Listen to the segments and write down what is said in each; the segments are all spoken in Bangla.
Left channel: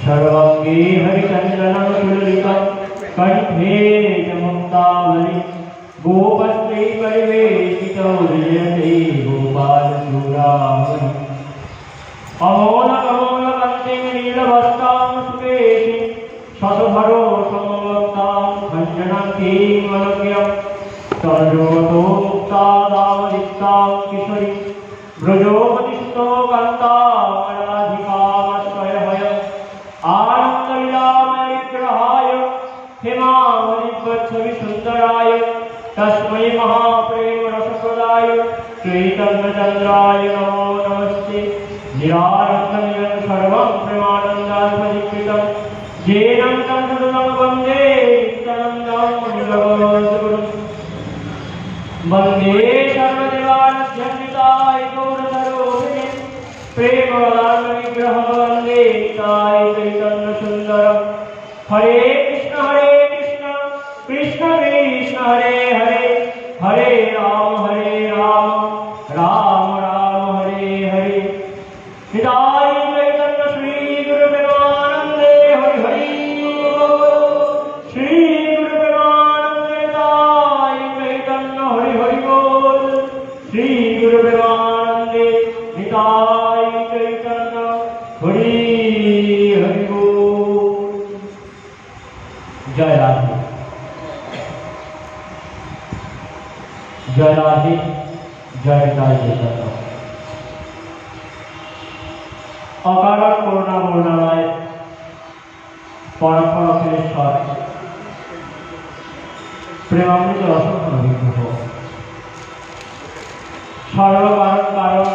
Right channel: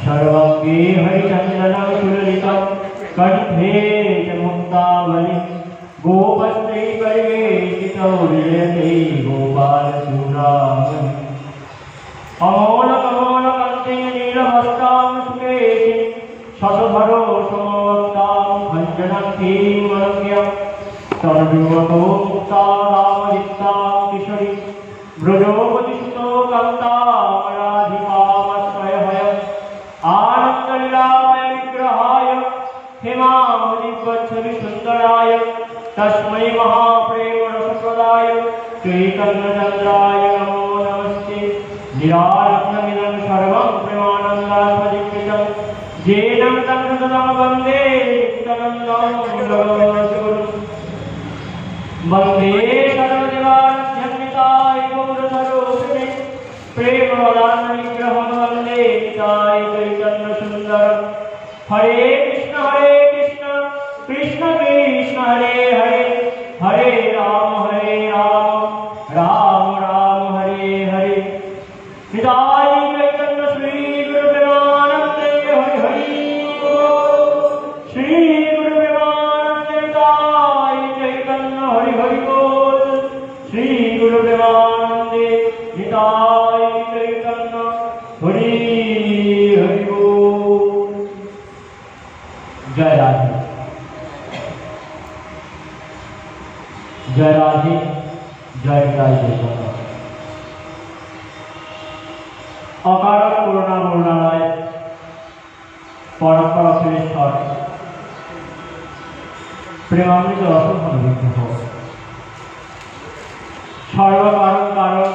सर्वांगे हरिचंदनं सुललितं कंठे च मुक्तावली गोपस्त्रे परिवेशितो विजयते गोपालचूडामणि अमोलकमोलकन्ते नीलवस्त्रां सुकेशे शतधरो समवक्तां भञ्जनन्ति मनुज्ञं तर्जोतोक्तादामदित्तां किशोरी ब्रजोपतिष्ठो कान्तामराधिकामश्रयभय आनन्दलीलामय विग्रहाय हेमावलिवच्छविसुन्दराय तस्मै महाप्रेमरसप्रदाय चैतन्यचन्द्राय नमो नमस्ते निरारब्धमिदं सर्वं प्रेमानन्दात्मदीक्षितं येन तं वन्दे नित्यानन्दं जगद्गुरुं वन्दे सर्वदेवानां गौरवरूपिणे प्रेमवदान विग्रहं वन्दे निताय चैतन्यसुन्दरं हरे कृष्ण कृष्ण कृष्ण हरे हरे हरे राम राम राम हरे हरे निताय चैतन्य श्री गुरुदेवानन्दे हरि हरि श्री गुरुदेवानन्दे निताय चैतन्य हरि हरि बोल श्री गुरुदेवानन्दे निताय चैतन्य हरि हरि बोल। जय राधे जय राधे जय जय अकारण करुणा मुरणालय परम्परा प्रेश्वर प्रेमामृत रसोत्तम विग्रह सर्वकारण कारण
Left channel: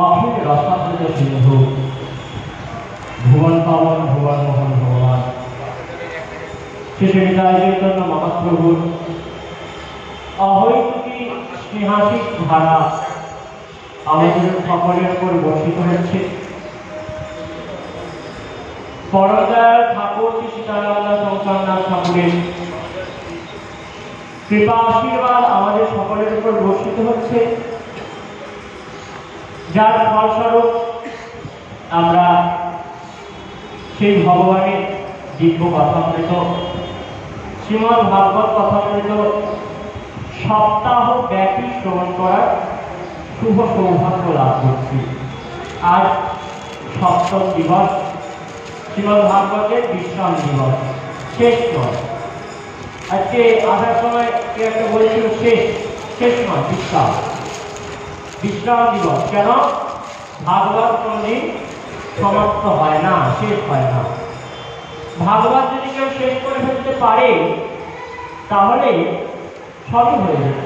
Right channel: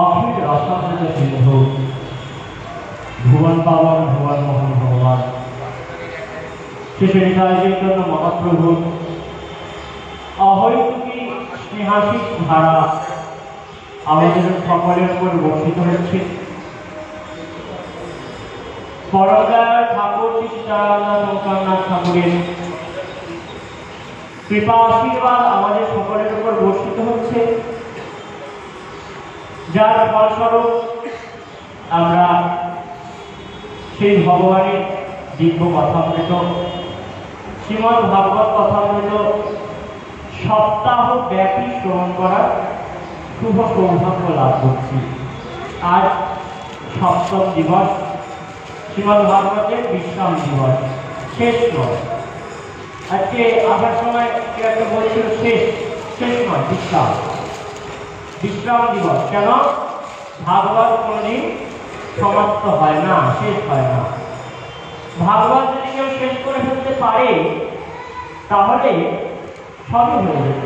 अखिल रसामृत सिंधु भुवन पावन भुवन मोहन भगवान श्री चैतन्य महाप्रभु अहैतुकी स्नेहासिक धारा আমাদের সকলের উপর বর্ষিত হচ্ছে। পরমদয়াল ঠাকুর সীতারাম শঙ্করনাথ ঠাকুরের কৃপা আশীর্বাদ আমাদের সকলের উপর বর্ষিত হচ্ছে, যার ফলস্বরূপ আমরা সেই ভগবানের দিব্য কথামৃত শ্রীমদ্ ভাগবত কথামৃত সপ্তাহ ব্যাপী শ্রবণ করার শুভ সৌভাগ্য লাভ করছি। আজ সপ্তম দিবস, শ্রীমদ্ ভাগবতের বিশ্রাম দিবস, শেষ দিবস। আজকে আসার সময় কেউ একটা বলছিল শেষ নয়, বিশ্রাম দিবস। কেন? ভাগবত কোনদিন সমাপ্ত হয় না, শেষ হয় না। ভাগবত যদি কেউ শেষ করে ফেলতে পারে তাহলে সবই হয়ে যেত।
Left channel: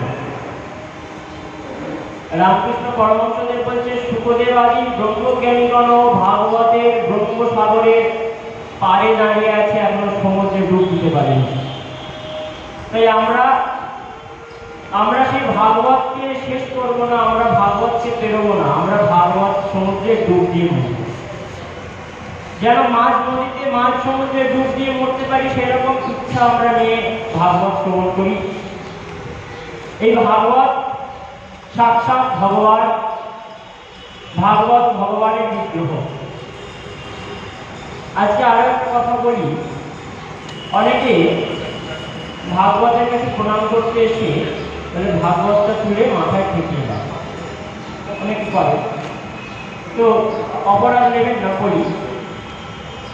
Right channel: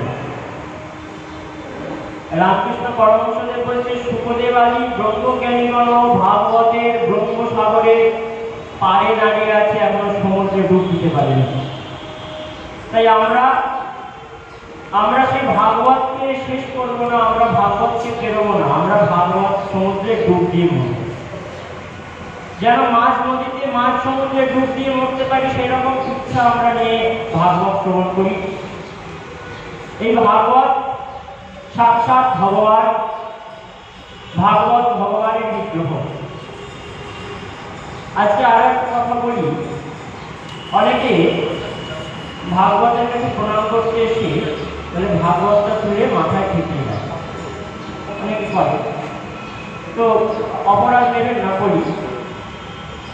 রামকৃষ্ণ পরমহংসদেব বলছে, সুখদেব আদি ব্রহ্মজ্ঞানীগণ ভাগবতের ব্রহ্মসাগরের পাড়ে দাঁড়িয়ে আছে, এখনো সমুদ্রে ডুব দিতে পারেনি। তাই আমরা সেই ভাগবতকে শেষ করবো না, আমরা ভাগবতকে পেরোবো না, আমরা ভাগবত সমুদ্রে ডুব দিয়ে মরবো। যেন মাছ নদীতে মাছ সমুদ্রে ডুব দিয়ে মরতে পারি, সেরকম ইচ্ছা আমরা নিয়ে ভাগবত শ্রবণ করি। এই ভাগবত সাক্ষাৎ ভগবান, ভাগবত ভগবানের বিগ্রহ। আজকে আরো একটা কথা বলি, অনেকে ভাগবতের কাছে প্রণাম করতে এসে ভাগবতটা তুলে মাথায় ঠেকিয়ে দেয়, অনেকে করে। তো অপরাধ নেবেন না, করি।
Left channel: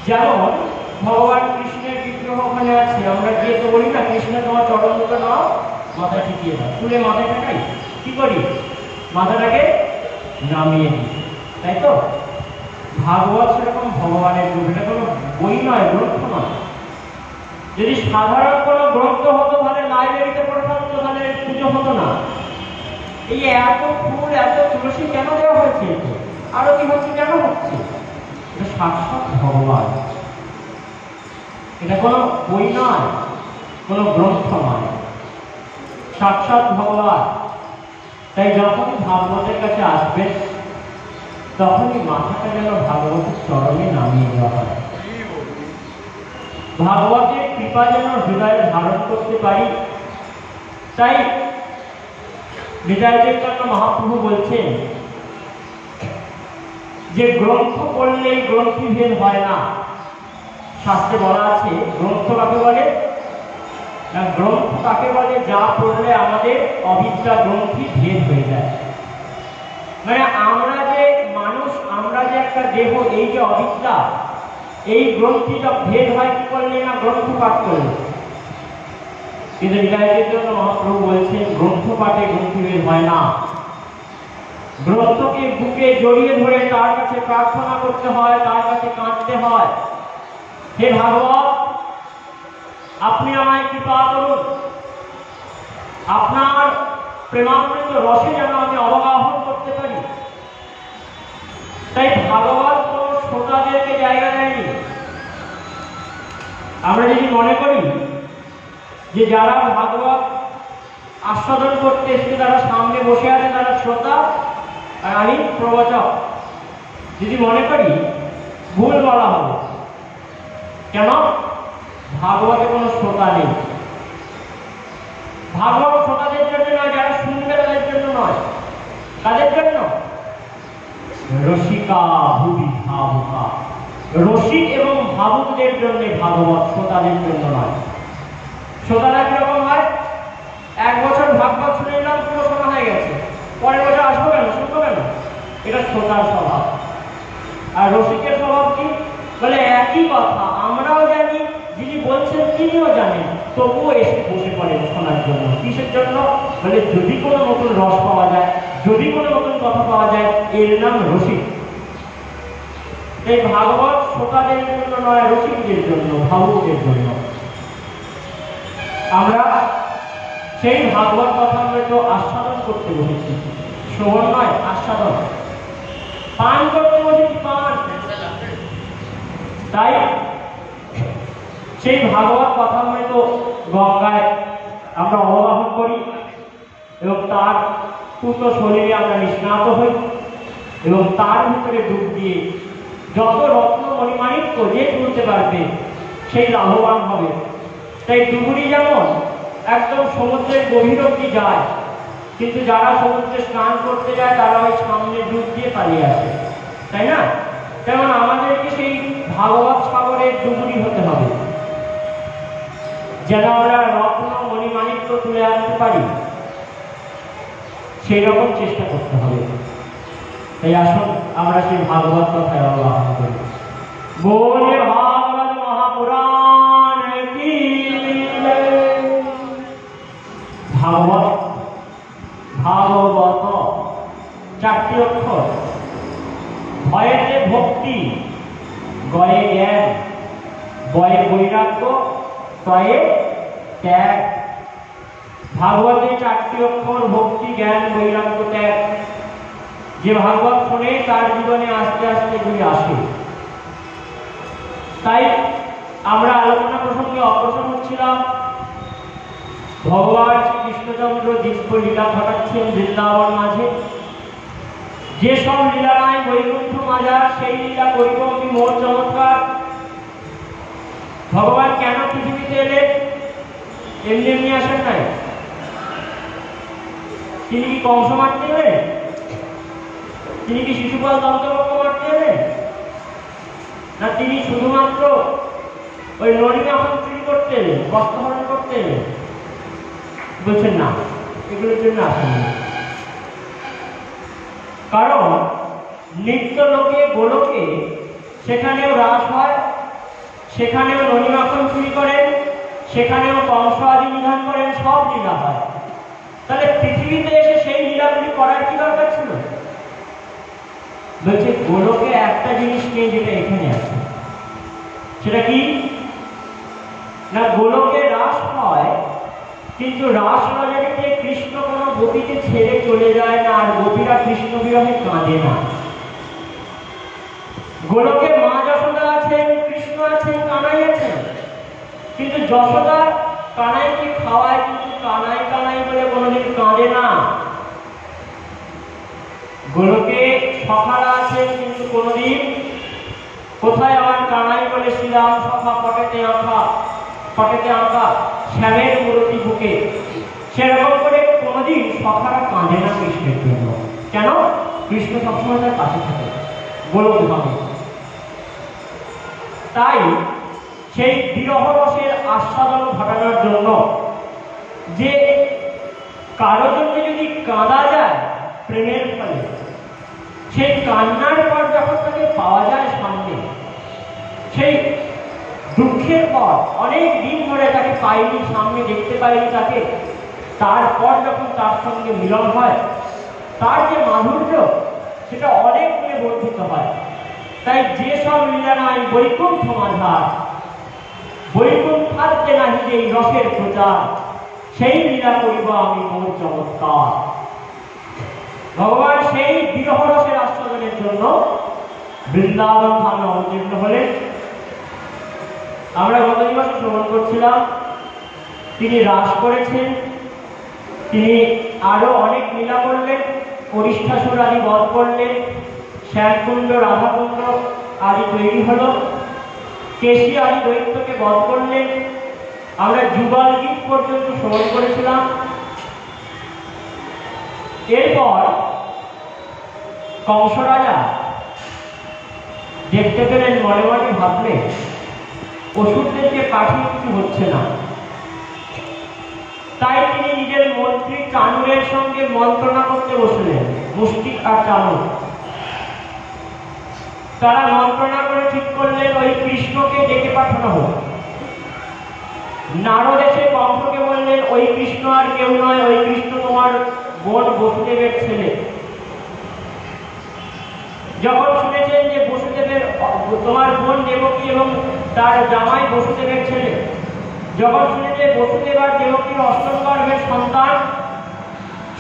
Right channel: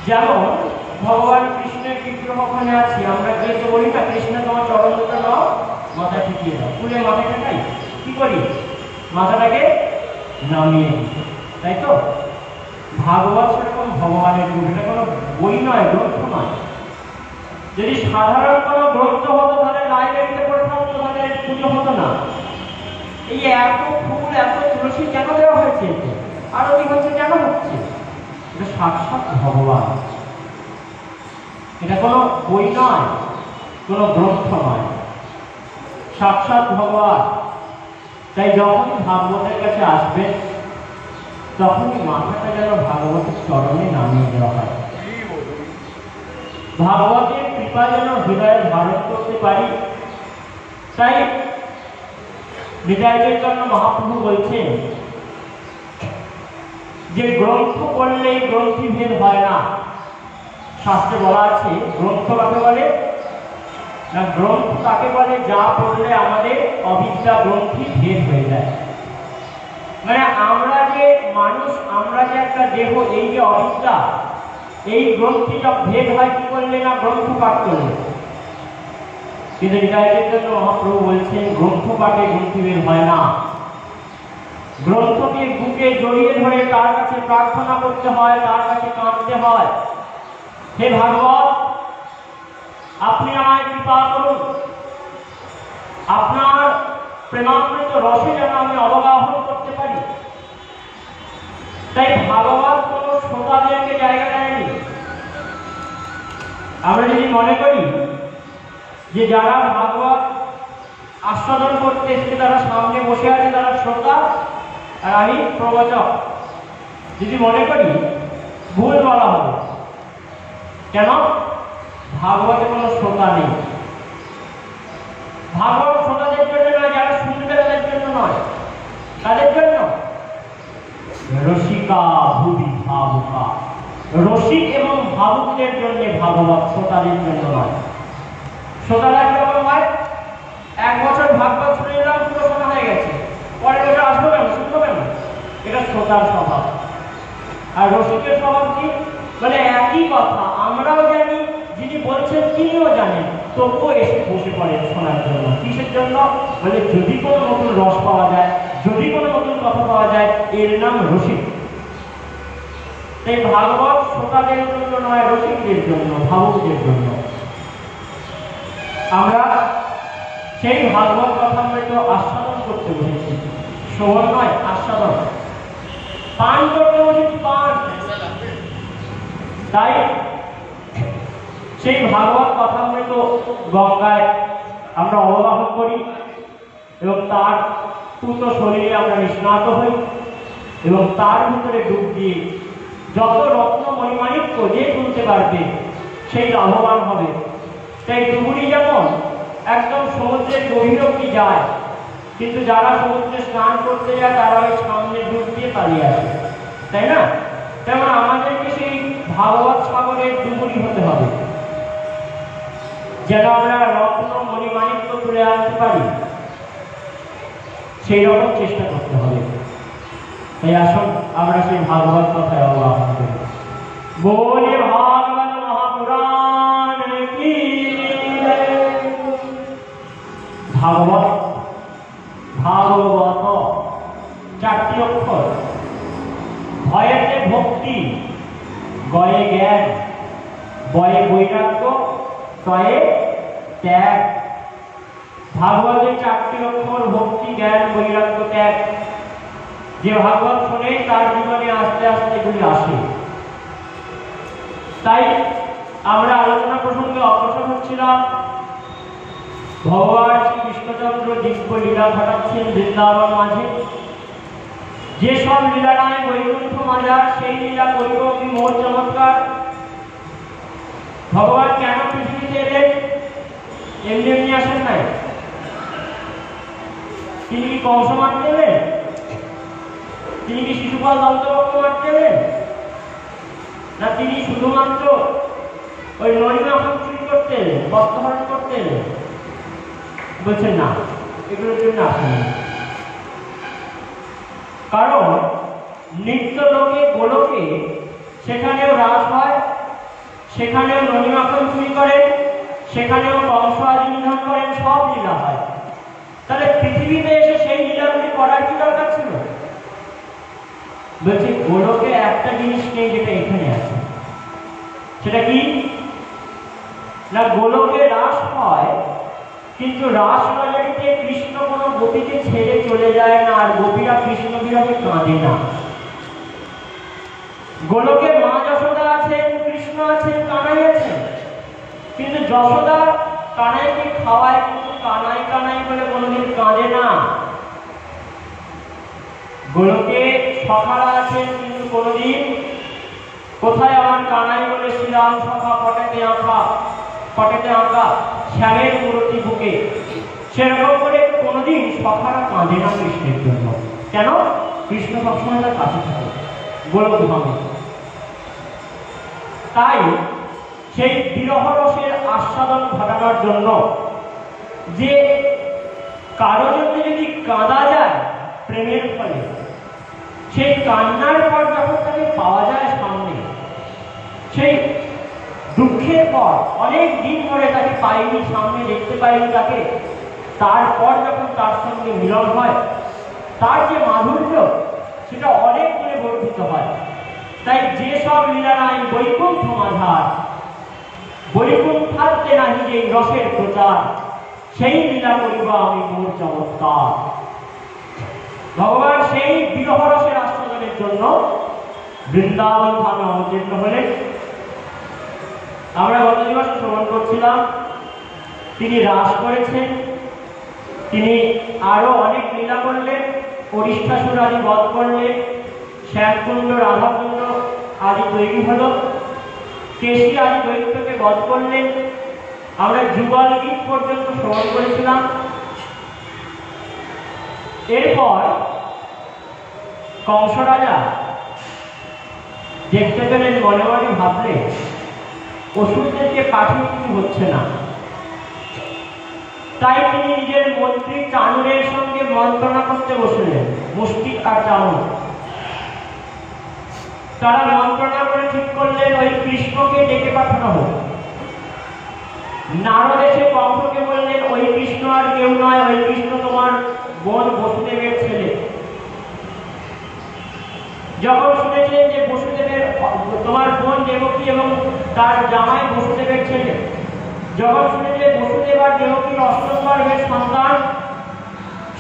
যেমন ভগবান কৃষ্ণের বিগ্রহ ওখানে আছে, আমরা গিয়ে তো বলি না, কৃষ্ণ তোমার চরণ দুটো নাও, মাথায় ঠেকিয়ে দাও। তুলে মাথায় ঠেকাই, কি করি? মাথাটাকে নামিয়ে দিই, তাই তো? ভাগবত সেরকম ভগবানের রূপ, এটা কোনো বই নয়, গ্রন্থ নয়। যদি সাধারণ কোনো গ্রন্থ হতো তাহলে লাইব্রেরিতে পড়ে থাকতো, তাহলে পুজো হতো না। এই এত ফুল এত তুলসী কেন দেওয়া হয়েছে? আরো কি হচ্ছে কেন হচ্ছে? এটা সাক্ষাৎ ভগবান, এটা কোনো বই নয়, কোনো গ্রন্থ নয়, সাক্ষাৎ ভগবান। তাই যখন ভাগবতের কাছে আসবেন তখনই মাথাটা যেন ভাগবতের চরণে নামিয়ে দেওয়া হয়। ভাগবতের কৃপা যেন হৃদয়ে ধারণ করতে পারি। তাই নিতাই চৈতন্য মহাপ্রভু বলছেন যে গ্রন্থ পড়লেই গ্রন্থি ভেদ হয় না। শাস্ত্রে বলা আছে গ্রন্থ কাকে বলে না, গ্রন্থ তাকে বলে যা পড়লে আমাদের অবিদ্যা গ্রন্থি ভেদ হয়ে যায়। মানে আমরা যে মানুষ, আমরা যে একটা দেহ, এই যে অবিদ্যা, এই গ্রন্থিটা ভেদ হয় কি করলে না, গ্রন্থ পাঠ করলে। কিন্তু নিতাইয়ের জন্য মহাপ্রভু বলছেন গ্রন্থ পাঠে গ্রন্থি ভেদ হয় না। গ্রন্থকে বুকে জড়িয়ে ধরে তার কাছে প্রার্থনা করতে হয়, তার কাছে কাঁদতে হয়, হে ভাগবত আপনি আমায় কৃপা করুন, আপনার প্রেমামৃত রসে যেন আমি অবগাহন করতে পারি। তাই ভাগবত কোন শ্রোতাদেরকে জায়গা দেয়নি। আমরা যদি মনে করি যে যারা ভাগবত আস্বাদন করতে এসে তারা সামনে বসে আছে তারা শ্রোতা আর আমি প্রবচক, যদি মনে করি ভুল বলা হবে। কেন? ভাগবতে কোনো শ্রোতা নেই। ভাগবত শ্রোতাদের জন্য নয়, যারা শুনবে তাদের জন্য নয়। তাদের জন্য রসিকা ভুবি ভাবুকা, রসিক এবং ভাবুকদের জন্য ভাগবত, শ্রোতাদের জন্য নয়। শ্রোতারা কিরকম হয়? এক বছর ভাগবত শুনে এলাম, পুরো শোনা হয়ে গেছে, পরের বছর আসবো কেন, শুনবো কেন, এটা শ্রোতার স্বভাব। আর রসিকের স্বভাব কি? বলে একই কথা আমরাও জানি, যিনি বলছেন তিনিও জানেন, তবুও এসে বসে পড়েন শোনার জন্য। কিসের জন্য? বলে যদি কোনো নতুন রস পাওয়া যায়, যদি কোনো নতুন কথা পাওয়া যায়, এর নাম রসিক। এই ভাগবত শ্রোতাদের জন্য নয়, রসিকদের জন্য, ভাবুকদের জন্য। আমরা সেই ভাগবত কথা হয়তো আস্বাদন করতে বসেছি, শ্রবণ নয়, আস্বাদন, পান করতে বসেছি, পান। তাই সেই ভাগবত কথা হয়তো গঙ্গায় আমরা অবগাহন করি এবং তার পূর্ণ শরীরে আমরা নিষ্ণাত হই এবং তার ভিতরে ডুব দিয়ে যত রত্ন মণিমাণিক্য যে তুলতে পারবে সেই লাভবান হবে। তাই ডুবুরি যেমন একদম সমুদ্রের গভীর অবধি যায়, কিন্তু যারা সমুদ্রে স্নান করতে যায় তারা ওই সামনে ডুব দিয়ে পালিয়ে আসে, তাই না? তেমন আমাদেরকে সেই ভাগবত সাগরের ডুবুরি হতে হবে, যেন আমরা রত্ন মণিমাণিক্য তুলে আনতে পারি, সেই রকম চেষ্টা করতে হবে। এই আসুন আমরা সেই ভাগবত কথায় অবগাহন করি। বলে ভাগবত মহাপুরাণ কি ভাগবত, ভাগবত চারটি অক্ষর, ভয়েতে ভক্তি, গয়ে জ্ঞান, বয়ে বৈরাগ্য, তয়ে ত্যাগ। ভাগবতের চারটি অক্ষর ভক্তি, জ্ঞান, বৈরাগ্য, ত্যাগ। যে ভাগবত শোনে তার জীবনে আস্তে আস্তে এগুলি আসে। তাই আমরা আলোচনা প্রসঙ্গে অগ্রসর হচ্ছিলাম। ভগবান শ্রী কৃষ্ণচন্দ্র দিব্য লীলা ঘটাচ্ছেন বৃন্দাবন মাঝে। যেসব লীলা নাই বৈকুণ্ঠ মজার, সেই লীলা করিব মোর চমৎকার। ভগবান কেন পৃথিবীতে এলেন? এমনি এমনি আসেন নাই। তিনি কি কংস মারতে এলেন? তিনি কি শিশুপাল দন্তবক্ষ মারতে এলেন? না তিনি শুধুমাত্র ওই নরিমা চুরি করতে এলেন, বস্ত্রহরণ করতে এলেন? বলছেন না, এগুলোর জন্য আসেন। কারণ নিত্য লোকে গোলকে সেখানেও রাস হয়, সেখানেও ননিমাখন চুরি করেন, সেখানেও কংস আদি নিধন করেন, সব লীলা হয়। তাহলে পৃথিবীতে এসে সেই লীলাগুলি করার কি দরকার ছিল? বলছে গোলকে একটা জিনিস নেই যেটা এখানে আছে। সেটা কি না, গোলকে রাস হয়, কিন্তু রাস বাজারিতে কৃষ্ণ কোনো গোপীকে ছেড়ে চলে যায় না, আর গোপীরা কৃষ্ণ বিরহে কাঁদে না। গোলকে মা যশোদা আছেন, কৃষ্ণ আছেন, কানাই আছেন, কিন্তু যশোদা কানাইকে খাওয়ায়, কিন্তু কানাই কানাই বলে কোনোদিন কাঁদে না। গোলকে সখারা আছেন, কিন্তু কোনোদিন কোথায় আমার কানাই বলে শ্রীরাম সখা পটেতে আঁকা, পটেতে আঁকা শ্যামের মূর্তি বুকে, সেরকম করে কোনোদিন সখারা কাঁদে না কৃষ্ণের জন্য। কেন? কৃষ্ণ সবসময় তার কাছে থাকে। গোলকধামে। তাই সেই বিরহ রসের আস্বাদন ঘটানোর জন্য যে কারো জন্য যদি কাঁদা যায় প্রেমের ফলে, সেই কান্নার পর যখন তাকে পাওয়া যায় সামনে, সেই দুঃখের পর অনেক দিন ধরে তাকে পাইনি, সামনে দেখতে পাইনি তাকে, তারপর যখন তার সঙ্গে মিলন হয়, তার যে মাধুর্য সেটা অনেক করে বর্ধিত হয়। তাই যেসব লীলা নাই বৈকুণ্ঠ মাঝার, বৈকুণ্ঠাতে নাহি যে রসের প্রচার, সেই লীলা করিব আমি মোর চমৎকার। ভগবান সেই বিরহ রসের আস্বাদনের জন্য বৃন্দাবন ধামে অবতীর্ণ হলেন। আমরা গত দিবস শ্রবণ করছিলাম, তিনি রাস করেছেন, তিনি আরো অনেক লীলা করলেন, পরিষ্ঠাসুর আদি বধ করলেন, শ্যামকুণ্ড রাধাকুণ্ড আদি তৈরি হল, কেশী আদি দৈত্যকে বধ করলেন। আমরা যুগল গীত পর্যন্ত শ্রবণ করেছিলাম। এরপর কংস রাজা দেখতে পেলেন, মনে মনে ভাবলে অসুরদেরকে কাঠি কিছু হচ্ছে না। তাই তিনি নিজের মন্ত্রী চাণুরের সঙ্গে মন্ত্রণা করতে বসলেন, মুষ্টিক আর চাণুর। তারা মন্ত্রণা করে ঠিক করলেন ওই কৃষ্ণকে ডেকে পাঠানো হোক। নারদ এসে কংসকে বললেন, ওই কৃষ্ণ আর কেউ নয়, ওই কৃষ্ণ তোমার বোন বসুদেবের ছেলে। যখন শুনেছেন যে বসুদেবের, তোমার বোন দেবকী এবং তার জামাই বসুদেবের ছেলে, যখন শুনেছে বসুদেব আর দেবকীর অষ্টম গর্ভের সন্তান,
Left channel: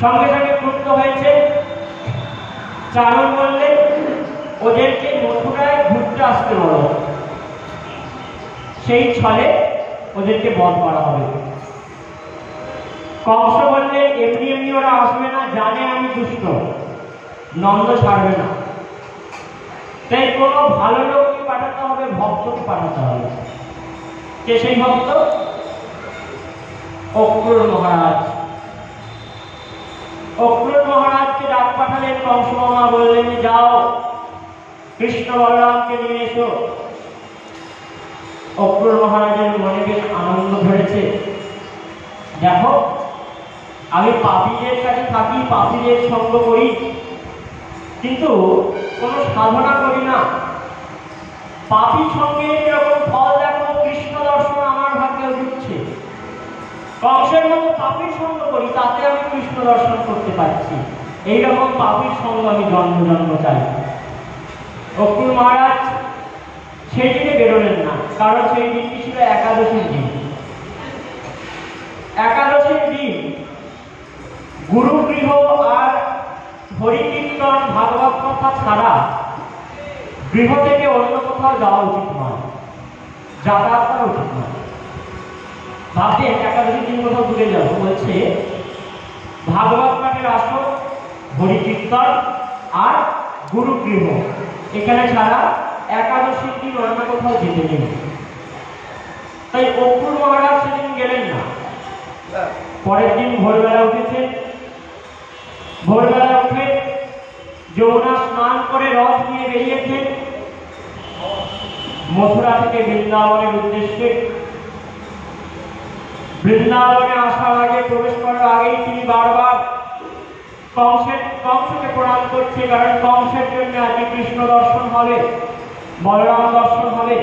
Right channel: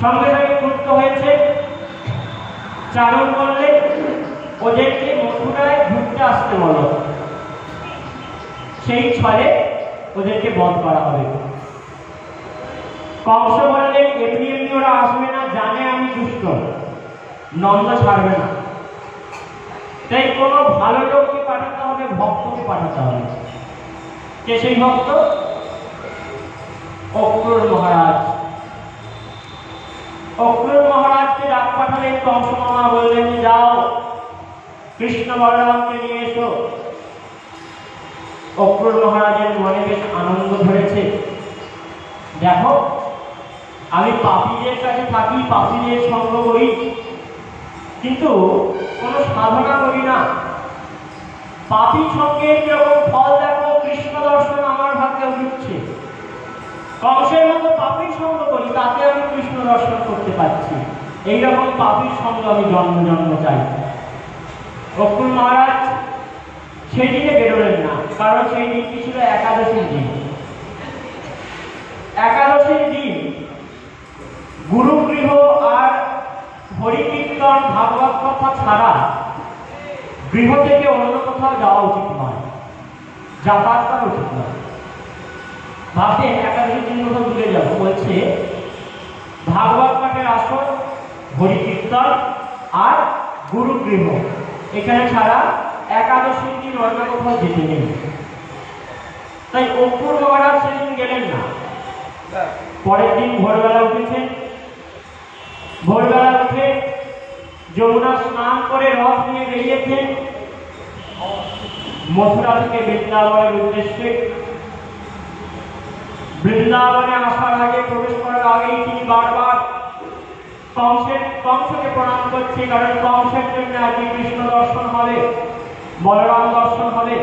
সঙ্গে সঙ্গে ক্রুদ্ধ হয়েছে। চারণ করলেন, ওদেরকে মথুরায় ঘুরতে আসতে বলো, সেই ছলে ওদেরকে বধ করা হবে। কংস বললেন, এমনি এমনি ওরা আসবে না, জানে আমি দুষ্ট, নন্দ ছাড়বে না। তাই কোনো ভালো লোককে পাঠাতে হবে, ভক্তকে পাঠাতে হবে। কে সেই ভক্ত? অক্রূর মহারাজ। অক্রূর মহারাজকে ডাক পাঠালেন কংস মামা, বললেন, যাও কৃষ্ণ বলরামকে নিয়ে এসো। অক্রূর মহারাজের মনে বেশ আনন্দ ধরেছে। দেখো, আমি পাপীদের কাছে থাকি, পাপীদের সঙ্গ করি, কিন্তু কোনো সাধনা করি না। পাপী সঙ্গে যেরকম ফল দেখো, কৃষ্ণ দর্শন আমার ভাগ্যে জুটছে। কংসের মতো পাপীর সঙ্গ করি, তাতে আমি কৃষ্ণ দর্শন করতে পারছি। এইরকম পাপীর সঙ্গ আমি জন্ম জন্ম চাই। অক্রূর মহারাজ সেদিনে বেরোলেন না, কারণ সেই দিনটি ছিল একাদশীর দিন। একাদশীর দিন গুরুগৃহ আর হরিকীর্তন ভাগবত কথা ছাড়া গৃহ থেকে অন্য কোথাও যাওয়া উচিত নয়, যাতায়াত করা উচিত নয়। ভাবতেন একাদশীর দিন কোথাও দূরে যাব, বলছে ভাগবত পাঠের আসর, হরিকীর্তন আর গুরুগৃহ, এখানে ছাড়া একাদশীর দিন অন্য কোথাও যেতে নেই। তাই অক্রূর মহারাজ সেদিন গেলেন না। পরের দিন ভোরবেলা উঠেছেন, ভোরবেলা উঠে যমুনা স্নান করে রথ নিয়ে বেরিয়েছেন মথুরা থেকে বৃন্দাবনের উদ্দেশ্যে। বৃন্দাবনে আসার আগে, প্রবেশ করার আগেই তিনি বারবার কংসকে প্রণাম করছে, কারণ কংসের জন্য আজকে কৃষ্ণ দর্শন হবে, বলরাম দর্শন হবে।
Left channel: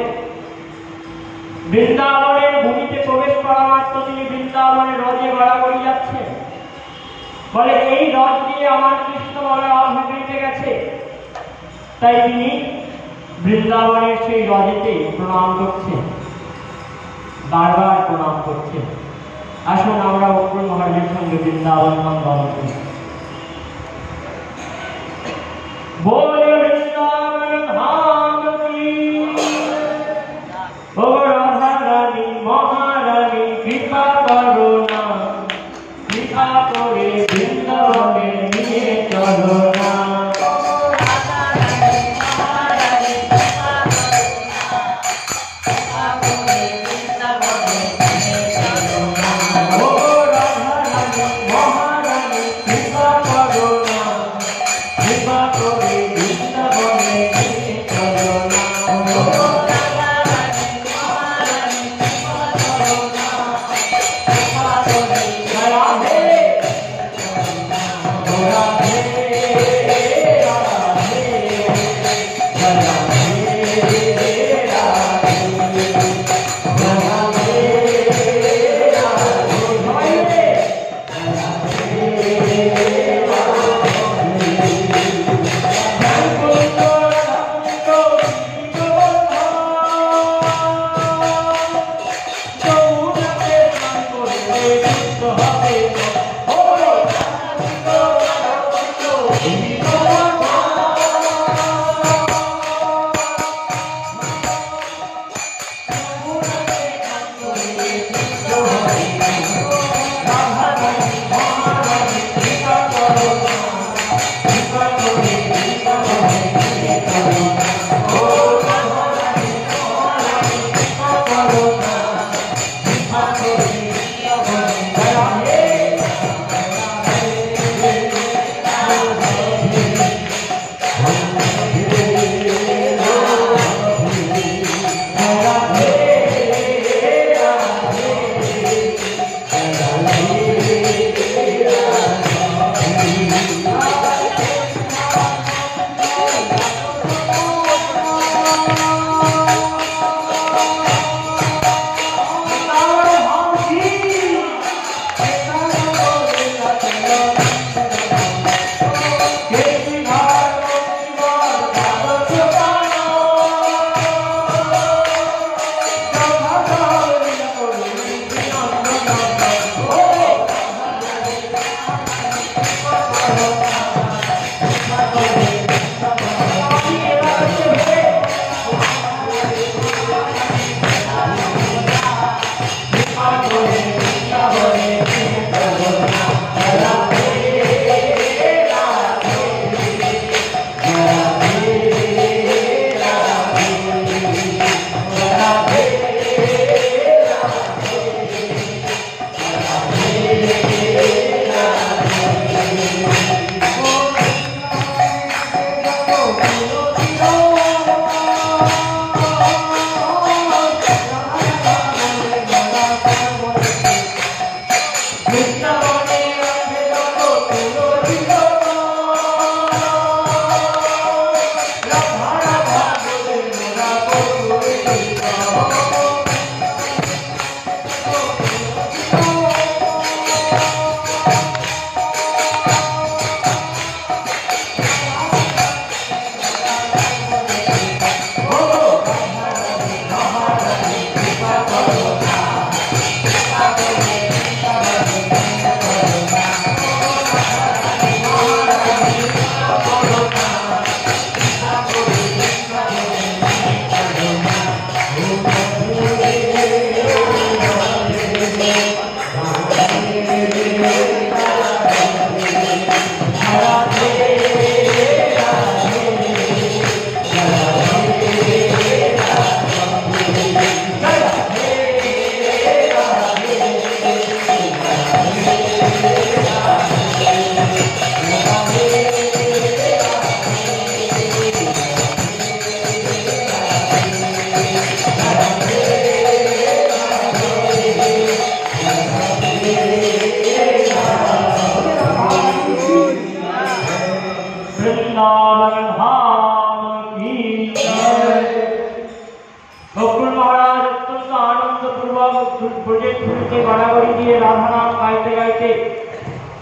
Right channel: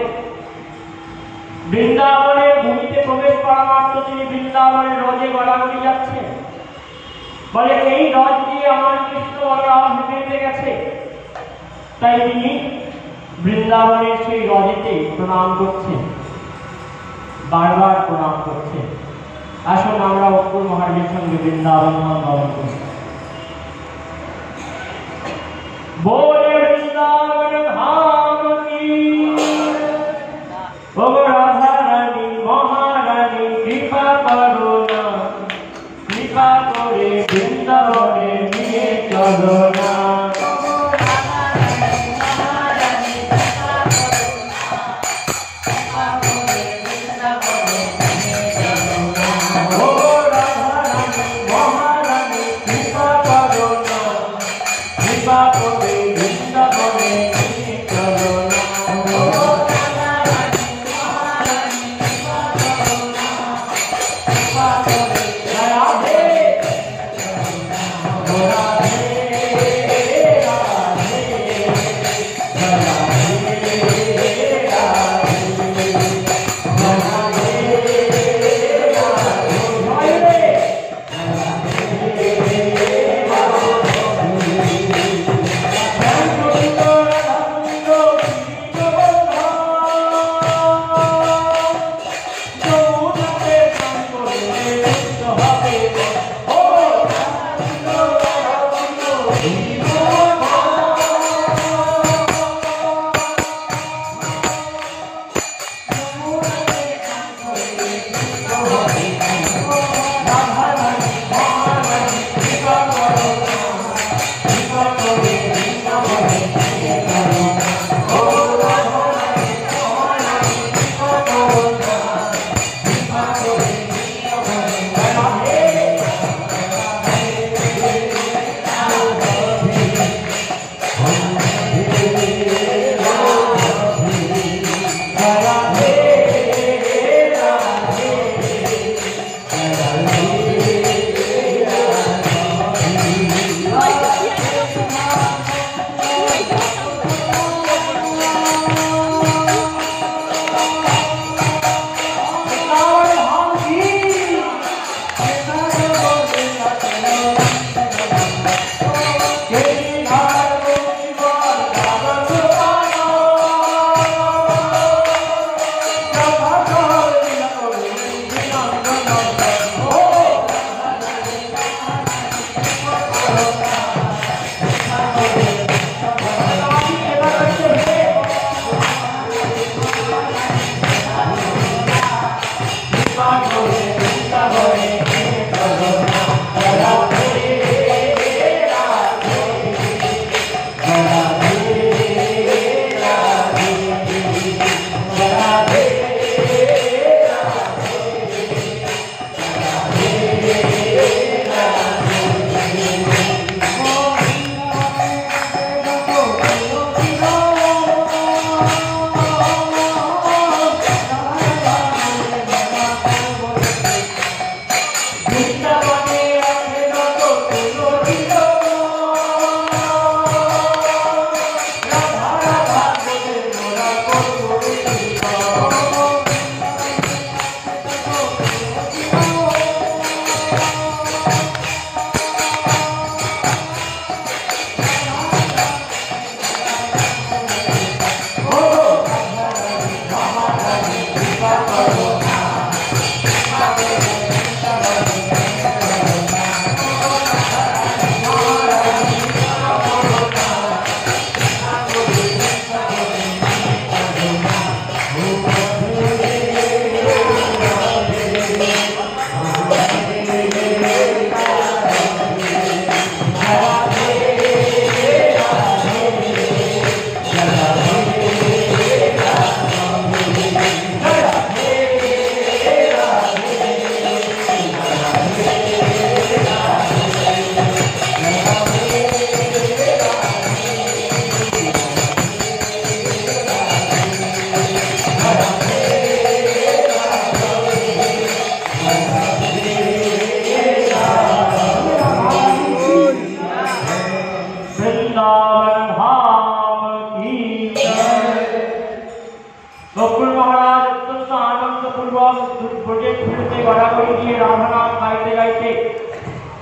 বৃন্দাবনের ভূমিতে প্রবেশ করা মাত্র তিনি বৃন্দাবনের রজে গড়াগড়ি যাচ্ছেন, বলে এই রজ দিয়ে আমার কৃষ্ণ বলরাম হেঁটে গেছে। তাই তিনি বৃন্দাবনের সেই রজেতে প্রণাম করছেন, বারবার প্রণাম করছেন। আসুন আমরা অক্রূর মহারাজের সঙ্গে বৃন্দাবন ধাম করি। बोले वृंदावन धाम की, ओ राधा रानी महारानी कृपा करो ना, कृपा करे वृंदावने निये चलो ना। Bye.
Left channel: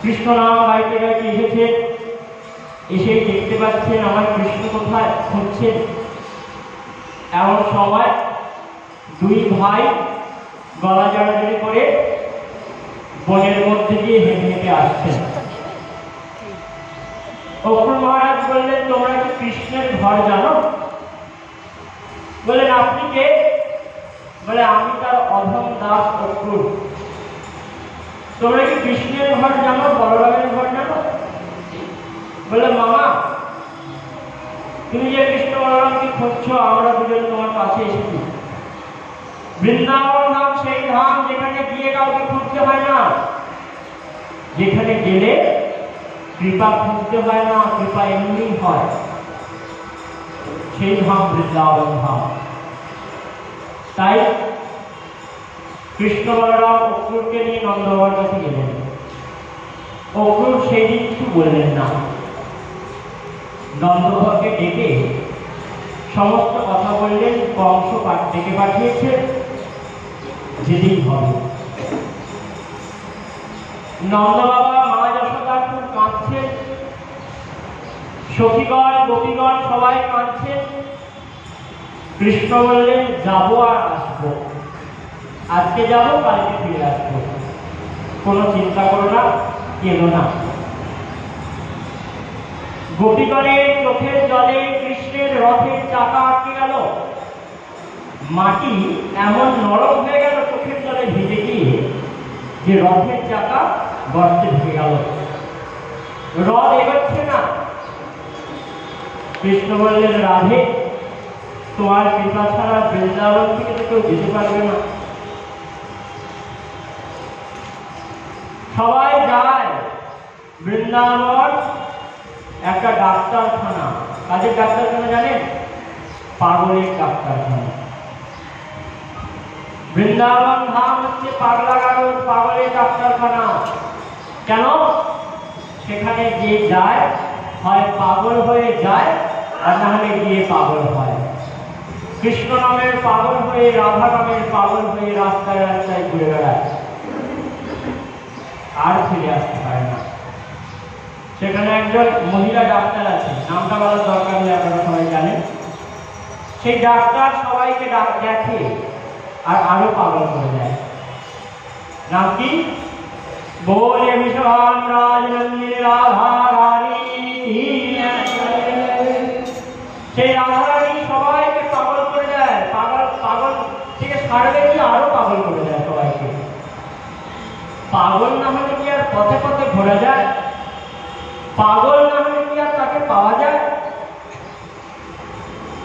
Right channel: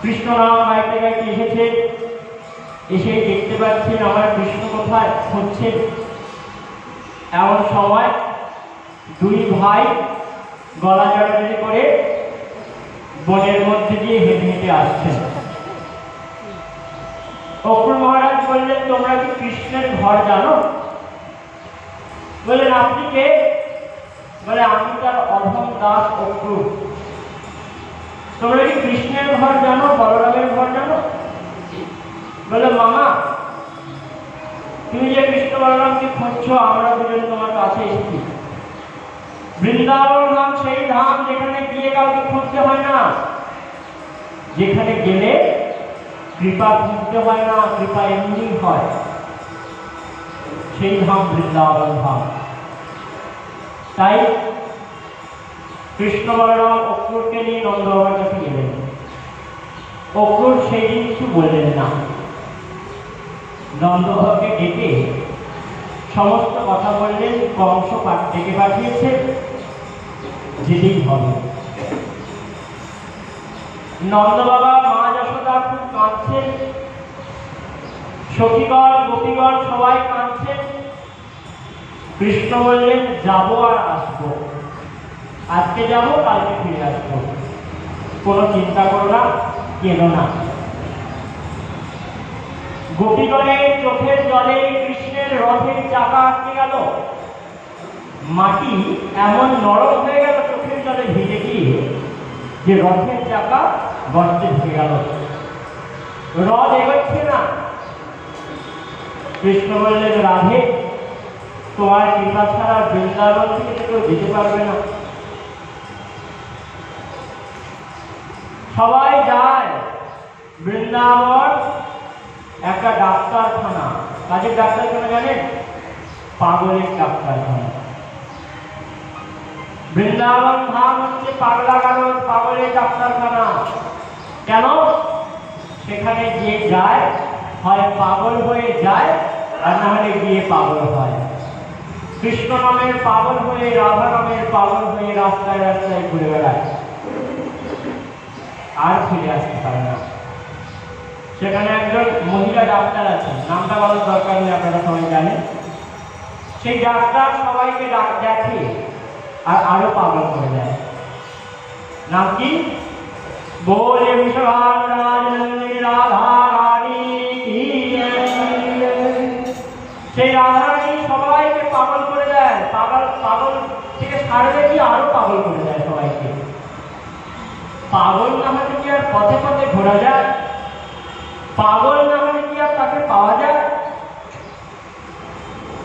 কৃষ্ণ নাম গাইতে গাইতে এসেছে, এসে দেখতে পাচ্ছেন আমার কৃষ্ণ কোথায় খুঁজছেন। এমন সময় দুই ভাই গলা জড়াজড়ি করে বনের মধ্যে দিয়ে হেঁটে হেঁটে আসছেন। অক্রুর মহারাজ বললেন, তোমরা কি কৃষ্ণের ঘর জানো? বললেন, আপনি কে? বলে, আমি তার অধম দাস অক্রুর। তোমরা কি কৃষ্ণের ঘর জানো, বলরামের ঘর জানো? বলে, মামা তুমি যে কৃষ্ণ বলরামকে খুঁজছো, আমরা দুজন তোমার কাছে এসেছি। বৃন্দাবন ধাম সেই ধাম যেখানে গিয়ে কাউকে খুঁজতে হয় না, যেখানে গেলে কৃপা খুঁজতে হয় না, কৃপা এমনি হয়, সেই ধাম বৃন্দাবন ধাম। তাই কৃষ্ণ বলরাম অক্রুরকে নিয়ে নন্দবাবার কাছে গেলেন। অক্রুর সেই দিন কিছু বললেন না, নন্দবাবাকে ডেকে সমস্ত কথা বললেন, কংস ডেকে পাঠিয়েছে, যেতেই হবে। নন্দ বাবা মা যশোদা খুব কাঁদছেন, সখীগণ গোপীগণ সবাই কাঁদছেন। কৃষ্ণ বললেন, যাবো আর আসবো, আজকে যাবো কালকে ফিরে আসবো, কোনো চিন্তা করো না, কেনো না। গোপীগণের চোখের জলে কৃষ্ণের রথের চাকা আটকে গেল, মাটি এমন নরম হয়ে গেল চোখের জলে ভিজে গিয়ে যে রথের চাকা গর্তে ঢুকে গেল, রথ এগোচ্ছে না। কৃষ্ণ বললেন, রাধে, তোমার কৃপা ছাড়া বৃন্দাবন থেকে কেউ যেতে পারবে না। সবাই যায় বৃন্দাবন, একটা ডাক্তারখানা। কাজের ডাক্তারখানা জানেন? পাগলের ডাক্তারখানা। বৃন্দাবন ধাম হচ্ছে পাগলা গারদ, পাগলের ডাক্তারখানা। কেন? সেখানে যে যায় হয় পাগল হয়ে যায়, আর না হলে গিয়ে পাগল হয়। কৃষ্ণ নামের পাগল হয়ে, রাধা নামের পাগল হয়ে রাস্তায় রাস্তায় ঘুরে বেড়ায়, আর ফিরে আসতে পারে না। সেখানে একজন মহিলা ডাক্তার আছে, নামটা বলার দরকার নেই, আপনারা সবাই জানেন। সেই ডাক্তার সবাইকে দেখে আর আরো পাগল করে দেয়। নাম কি? बोले विश्वान राजनंदी राधा रानी। সেই রাধা রানী সবাইকে পাগল করে দেয়, পাগল পাগল থেকে ছাড়বে কি আরো পাগল করে দেয় সবাইকে। পাগল না হলে কি আর পথে পথে ঘোরা যায়? পাগল না হলে কি আর তাকে পাওয়া যায়?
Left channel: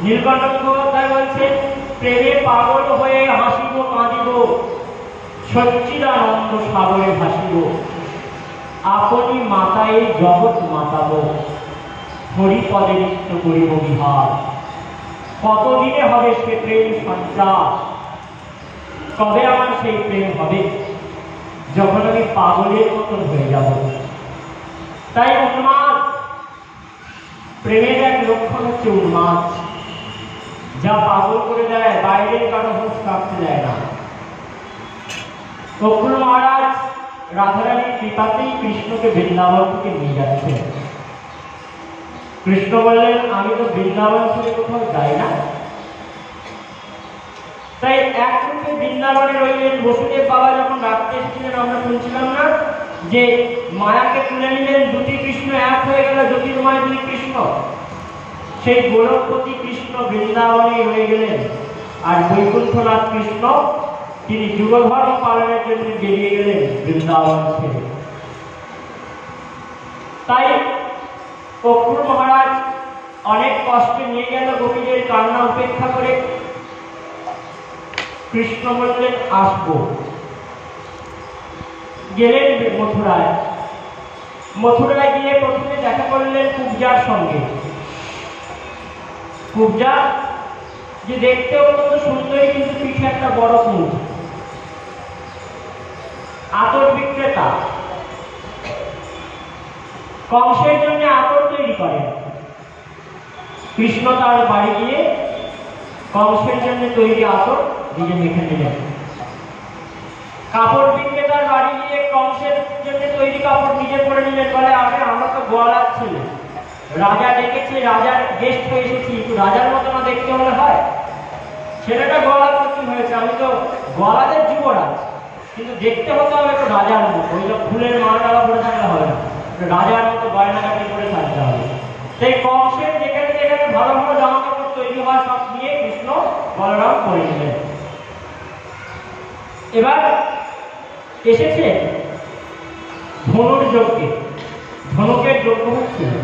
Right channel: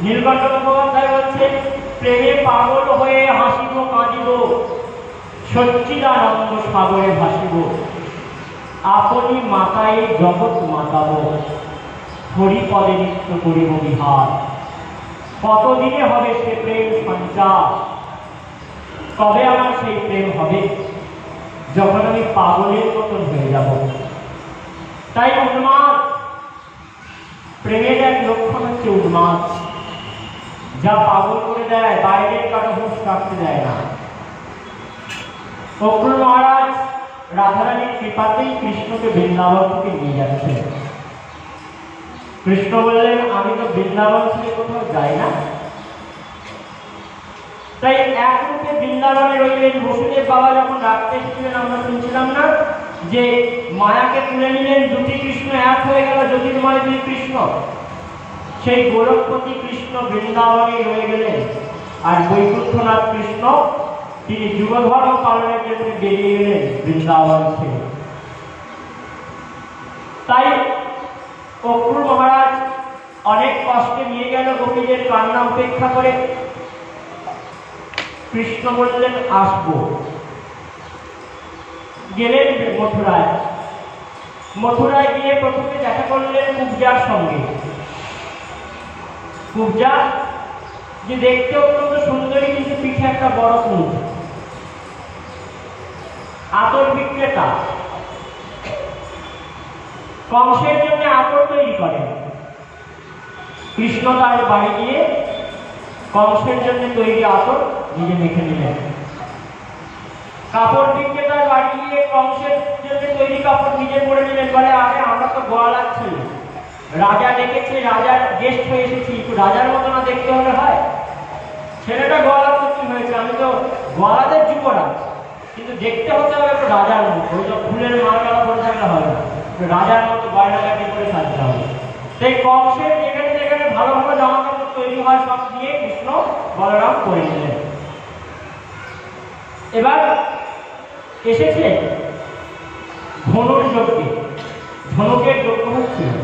নীলকণ্ঠ মুখোপাধ্যায় বলছেন, প্রেমে পাগল হয়ে হাসিব কাঁদিব, সচ্চিদানন্দ সাগরে ভাসিব, আপনি মাতায় জগৎ মাতাব, হরিপদে নিত্য করিব বিহার। কতদিনে হবে সে প্রেম সঞ্চার? তবে আমার সেই প্রেম হবে যখন আমি পাগলের মতন হয়ে যাব। তাই উন্মাদ, প্রেমের এক লক্ষণ হচ্ছে উন্মাদ, যা পাগল করে দেয়, বাইরের কারো হুঁশ কাটতে দেয় না। অক্রুর মহারাজ রাধারানীর কৃপাতেই কৃষ্ণকে বৃন্দাবন থেকে নিয়ে যাচ্ছেন। কৃষ্ণ বললেন, আমি তো বৃন্দাবন থেকে কোথাও যাই না। তাই এক রূপে বৃন্দাবনে রইলেন। বসুদেব বাবা যখন রাখতে এসেছিলেন, আমরা শুনছিলাম না যে মায়াকে তুলে নিলেন, দুটি কৃষ্ণ এক হয়ে গেল, জ্যোতির্ময় দুই কৃষ্ণ। সেই গোরখপতি কৃষ্ণ বৃন্দাবনে রয়ে গেলেন, আর বৈকুণ্ঠনাথ কৃষ্ণ তিনি যুগধর্ম পালনের জন্য বেরিয়ে গেলেন বৃন্দাবন থেকে। তাই অক্রুর মহারাজ অনেক কষ্টে নিয়ে গেল গোপীদের কান্না উপেক্ষা করে। কৃষ্ণ বললেন, আসবো। গেলেন মথুরায়। মথুরায় গিয়ে প্রথমে দেখা করলেন কুব্জার সঙ্গে। কুব্জা যে দেখতে অত্যন্ত সুন্দরী, কিন্তু পিঠে একটা বড় মুখ, আতর বিক্রেতা। কংসের জন্য আতর তৈরি করেন। কৃষ্ণ তার বাড়ি গিয়ে কংসের জন্য তৈরি আতর নিজে মেখে নিলেন। কাপড় বিক্রেতার বাড়ি গিয়ে কংসের জন্য তৈরি কাপড় নিজে পরে নিলেন। বলে, আগে আমরা তো গোয়ালার ছেলে, রাজা ডেকেছে, রাজার গেস্ট হয়ে এসেছি, একটু রাজার মতো না দেখতে হলে হয়? ছেলেটা গোয়ালার তো কি হয়েছে, আমি তো গোয়ালাদের যুবরাজ, কিন্তু দেখতে হতে হবে একটু রাজার মতো। ওই তো ফুলের মালা পরে থাকলে হবে না, রাজার মতো গয়নাগাটি করে থাকতে হবে। সেই কংসের যেখানে যেখানে ভালো ভালো জামা কাপড় তৈরি হয় সব নিয়ে কৃষ্ণ বলরাম করে নিলেন। এবার এসেছে ধনুর যজ্ঞে। ধনুকের যজ্ঞ হচ্ছিল।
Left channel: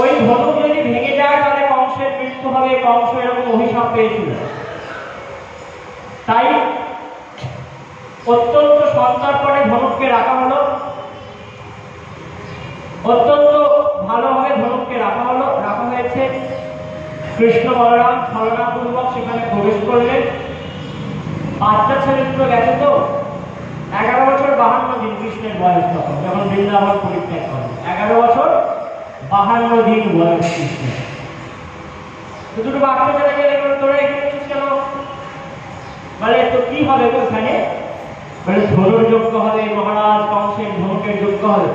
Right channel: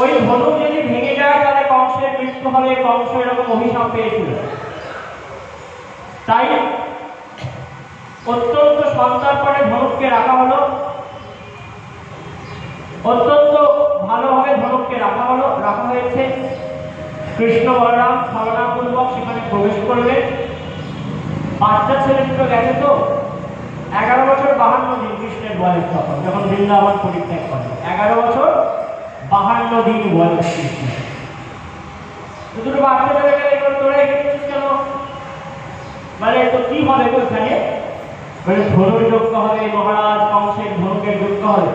ওই ধনু যদি ভেঙে যায় তাহলে কংসের মৃত্যু হবে। কংস এরকম অভিশাপ পেয়েছিল। তাই অত্যন্ত সন্তর্পণে ধনুককে রাখা হলো, অত্যন্ত ভালোভাবে ধনুককে রাখা হয়েছে। কৃষ্ণ বলরাম ছলনাপূর্বক সেখানে প্রবেশ করলেন। বাচ্চা ছেলে দুটো গেছে তো, 11 বছর 52 দিন কৃষ্ণের বয়স তখন, যখন বৃন্দাবন পরিত্যাগ করেন। 11 বছর 52 দিন বয়স কৃষ্ণ। দুটো বাচ্চা চলে গেলে তোরা এখানে কেন? বলে তো কি হবে ওখানে? বলে ধনুর যুক্ত হবে, মহারাজ কংসের ধনুকের যুক্ত হবে।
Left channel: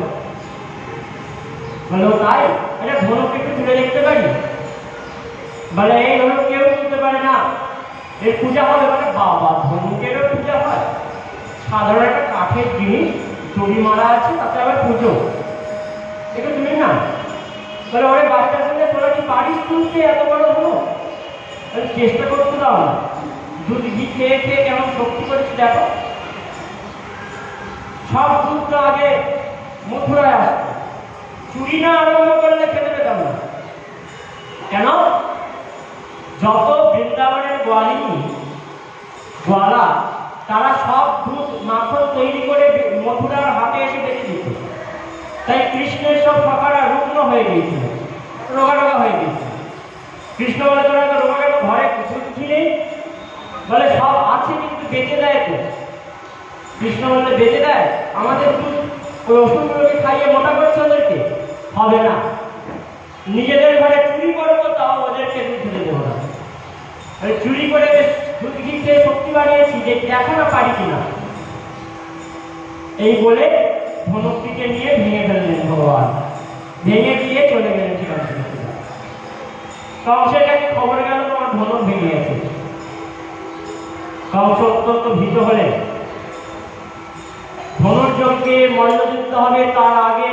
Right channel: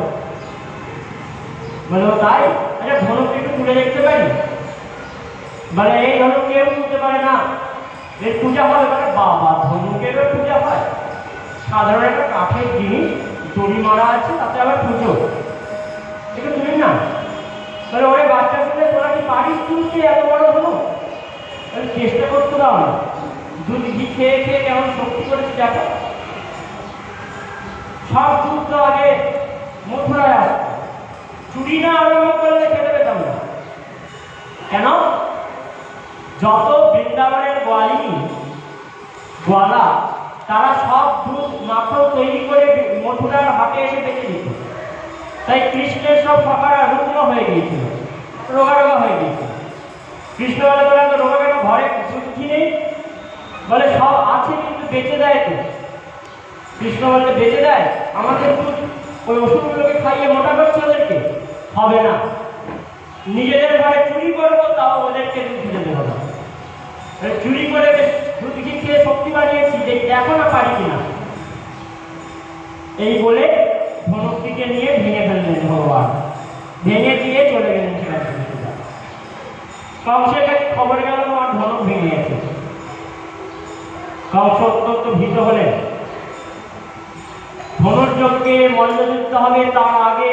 বলে তাই? আচ্ছা ধনুক একটু তুলে দেখতে পারি? বলে এই ধনুক কেউ তুলতে পারে না, এর পূজা হবে। বলে বাবা, ধনুকেরও পূজা হয়? সাধারণ একটা কাঠের জিনিস দড়ি মারা আছে, তাতে আবার পুজো, এটা তুলি না? বলে ওরে বাচ্চা ছেলে, তোরা কি পারিস তুলতে এত বড় ধনুক? চেষ্টা করতে দাও না, দুধ ঘি খেয়ে খেয়ে কেমন শক্তি করেছি দেখো। সব দুধ তো আগে মথুরায় আসতো, চুরি না আরম্ভ করলে খেতে পেতাম না। কেন? যত বৃন্দাবনের গোয়ালিনী গোয়ালা, তারা সব দুধ মাখন তৈরি করে মথুরার হাটে এসে বেঁচে দিত। তাই কৃষ্ণের সব সখারা রুগ্ন হয়ে গিয়েছিল, রোগা হয়ে গিয়েছিল। কৃষ্ণ বলে তোরা তো রোগা ঘরে কিছু নেই? বলে সব আছে কিন্তু বেঁচে দেয় তো। কৃষ্ণ বলতে বেঁচে দেয়? আমাদের ওই ওষুধগুলোকে খাইয়ে মোটা করছে ওদেরকে? হবে না। নিজেদের ঘরে চুরি করবো, তাও ওদেরকে দুধ দিতে দেবো না। চুরি করে দুধ ঘি খেয়ে শক্তি বাড়িয়েছি, যে দেখো না পারি কিনা। এই বলে ধনুকটিকে নিয়ে ভেঙে ফেললেন ভগবান, ভেঙে দিয়ে চলে গেলেন সেখানে। কংসের কাছে খবর গেল আমার ধনুক ভেঙে গেছে। কংস অত্যন্ত ভীত হলেন। ধনুর্যজ্ঞে মল্লযুদ্ধ হবে, তার আগে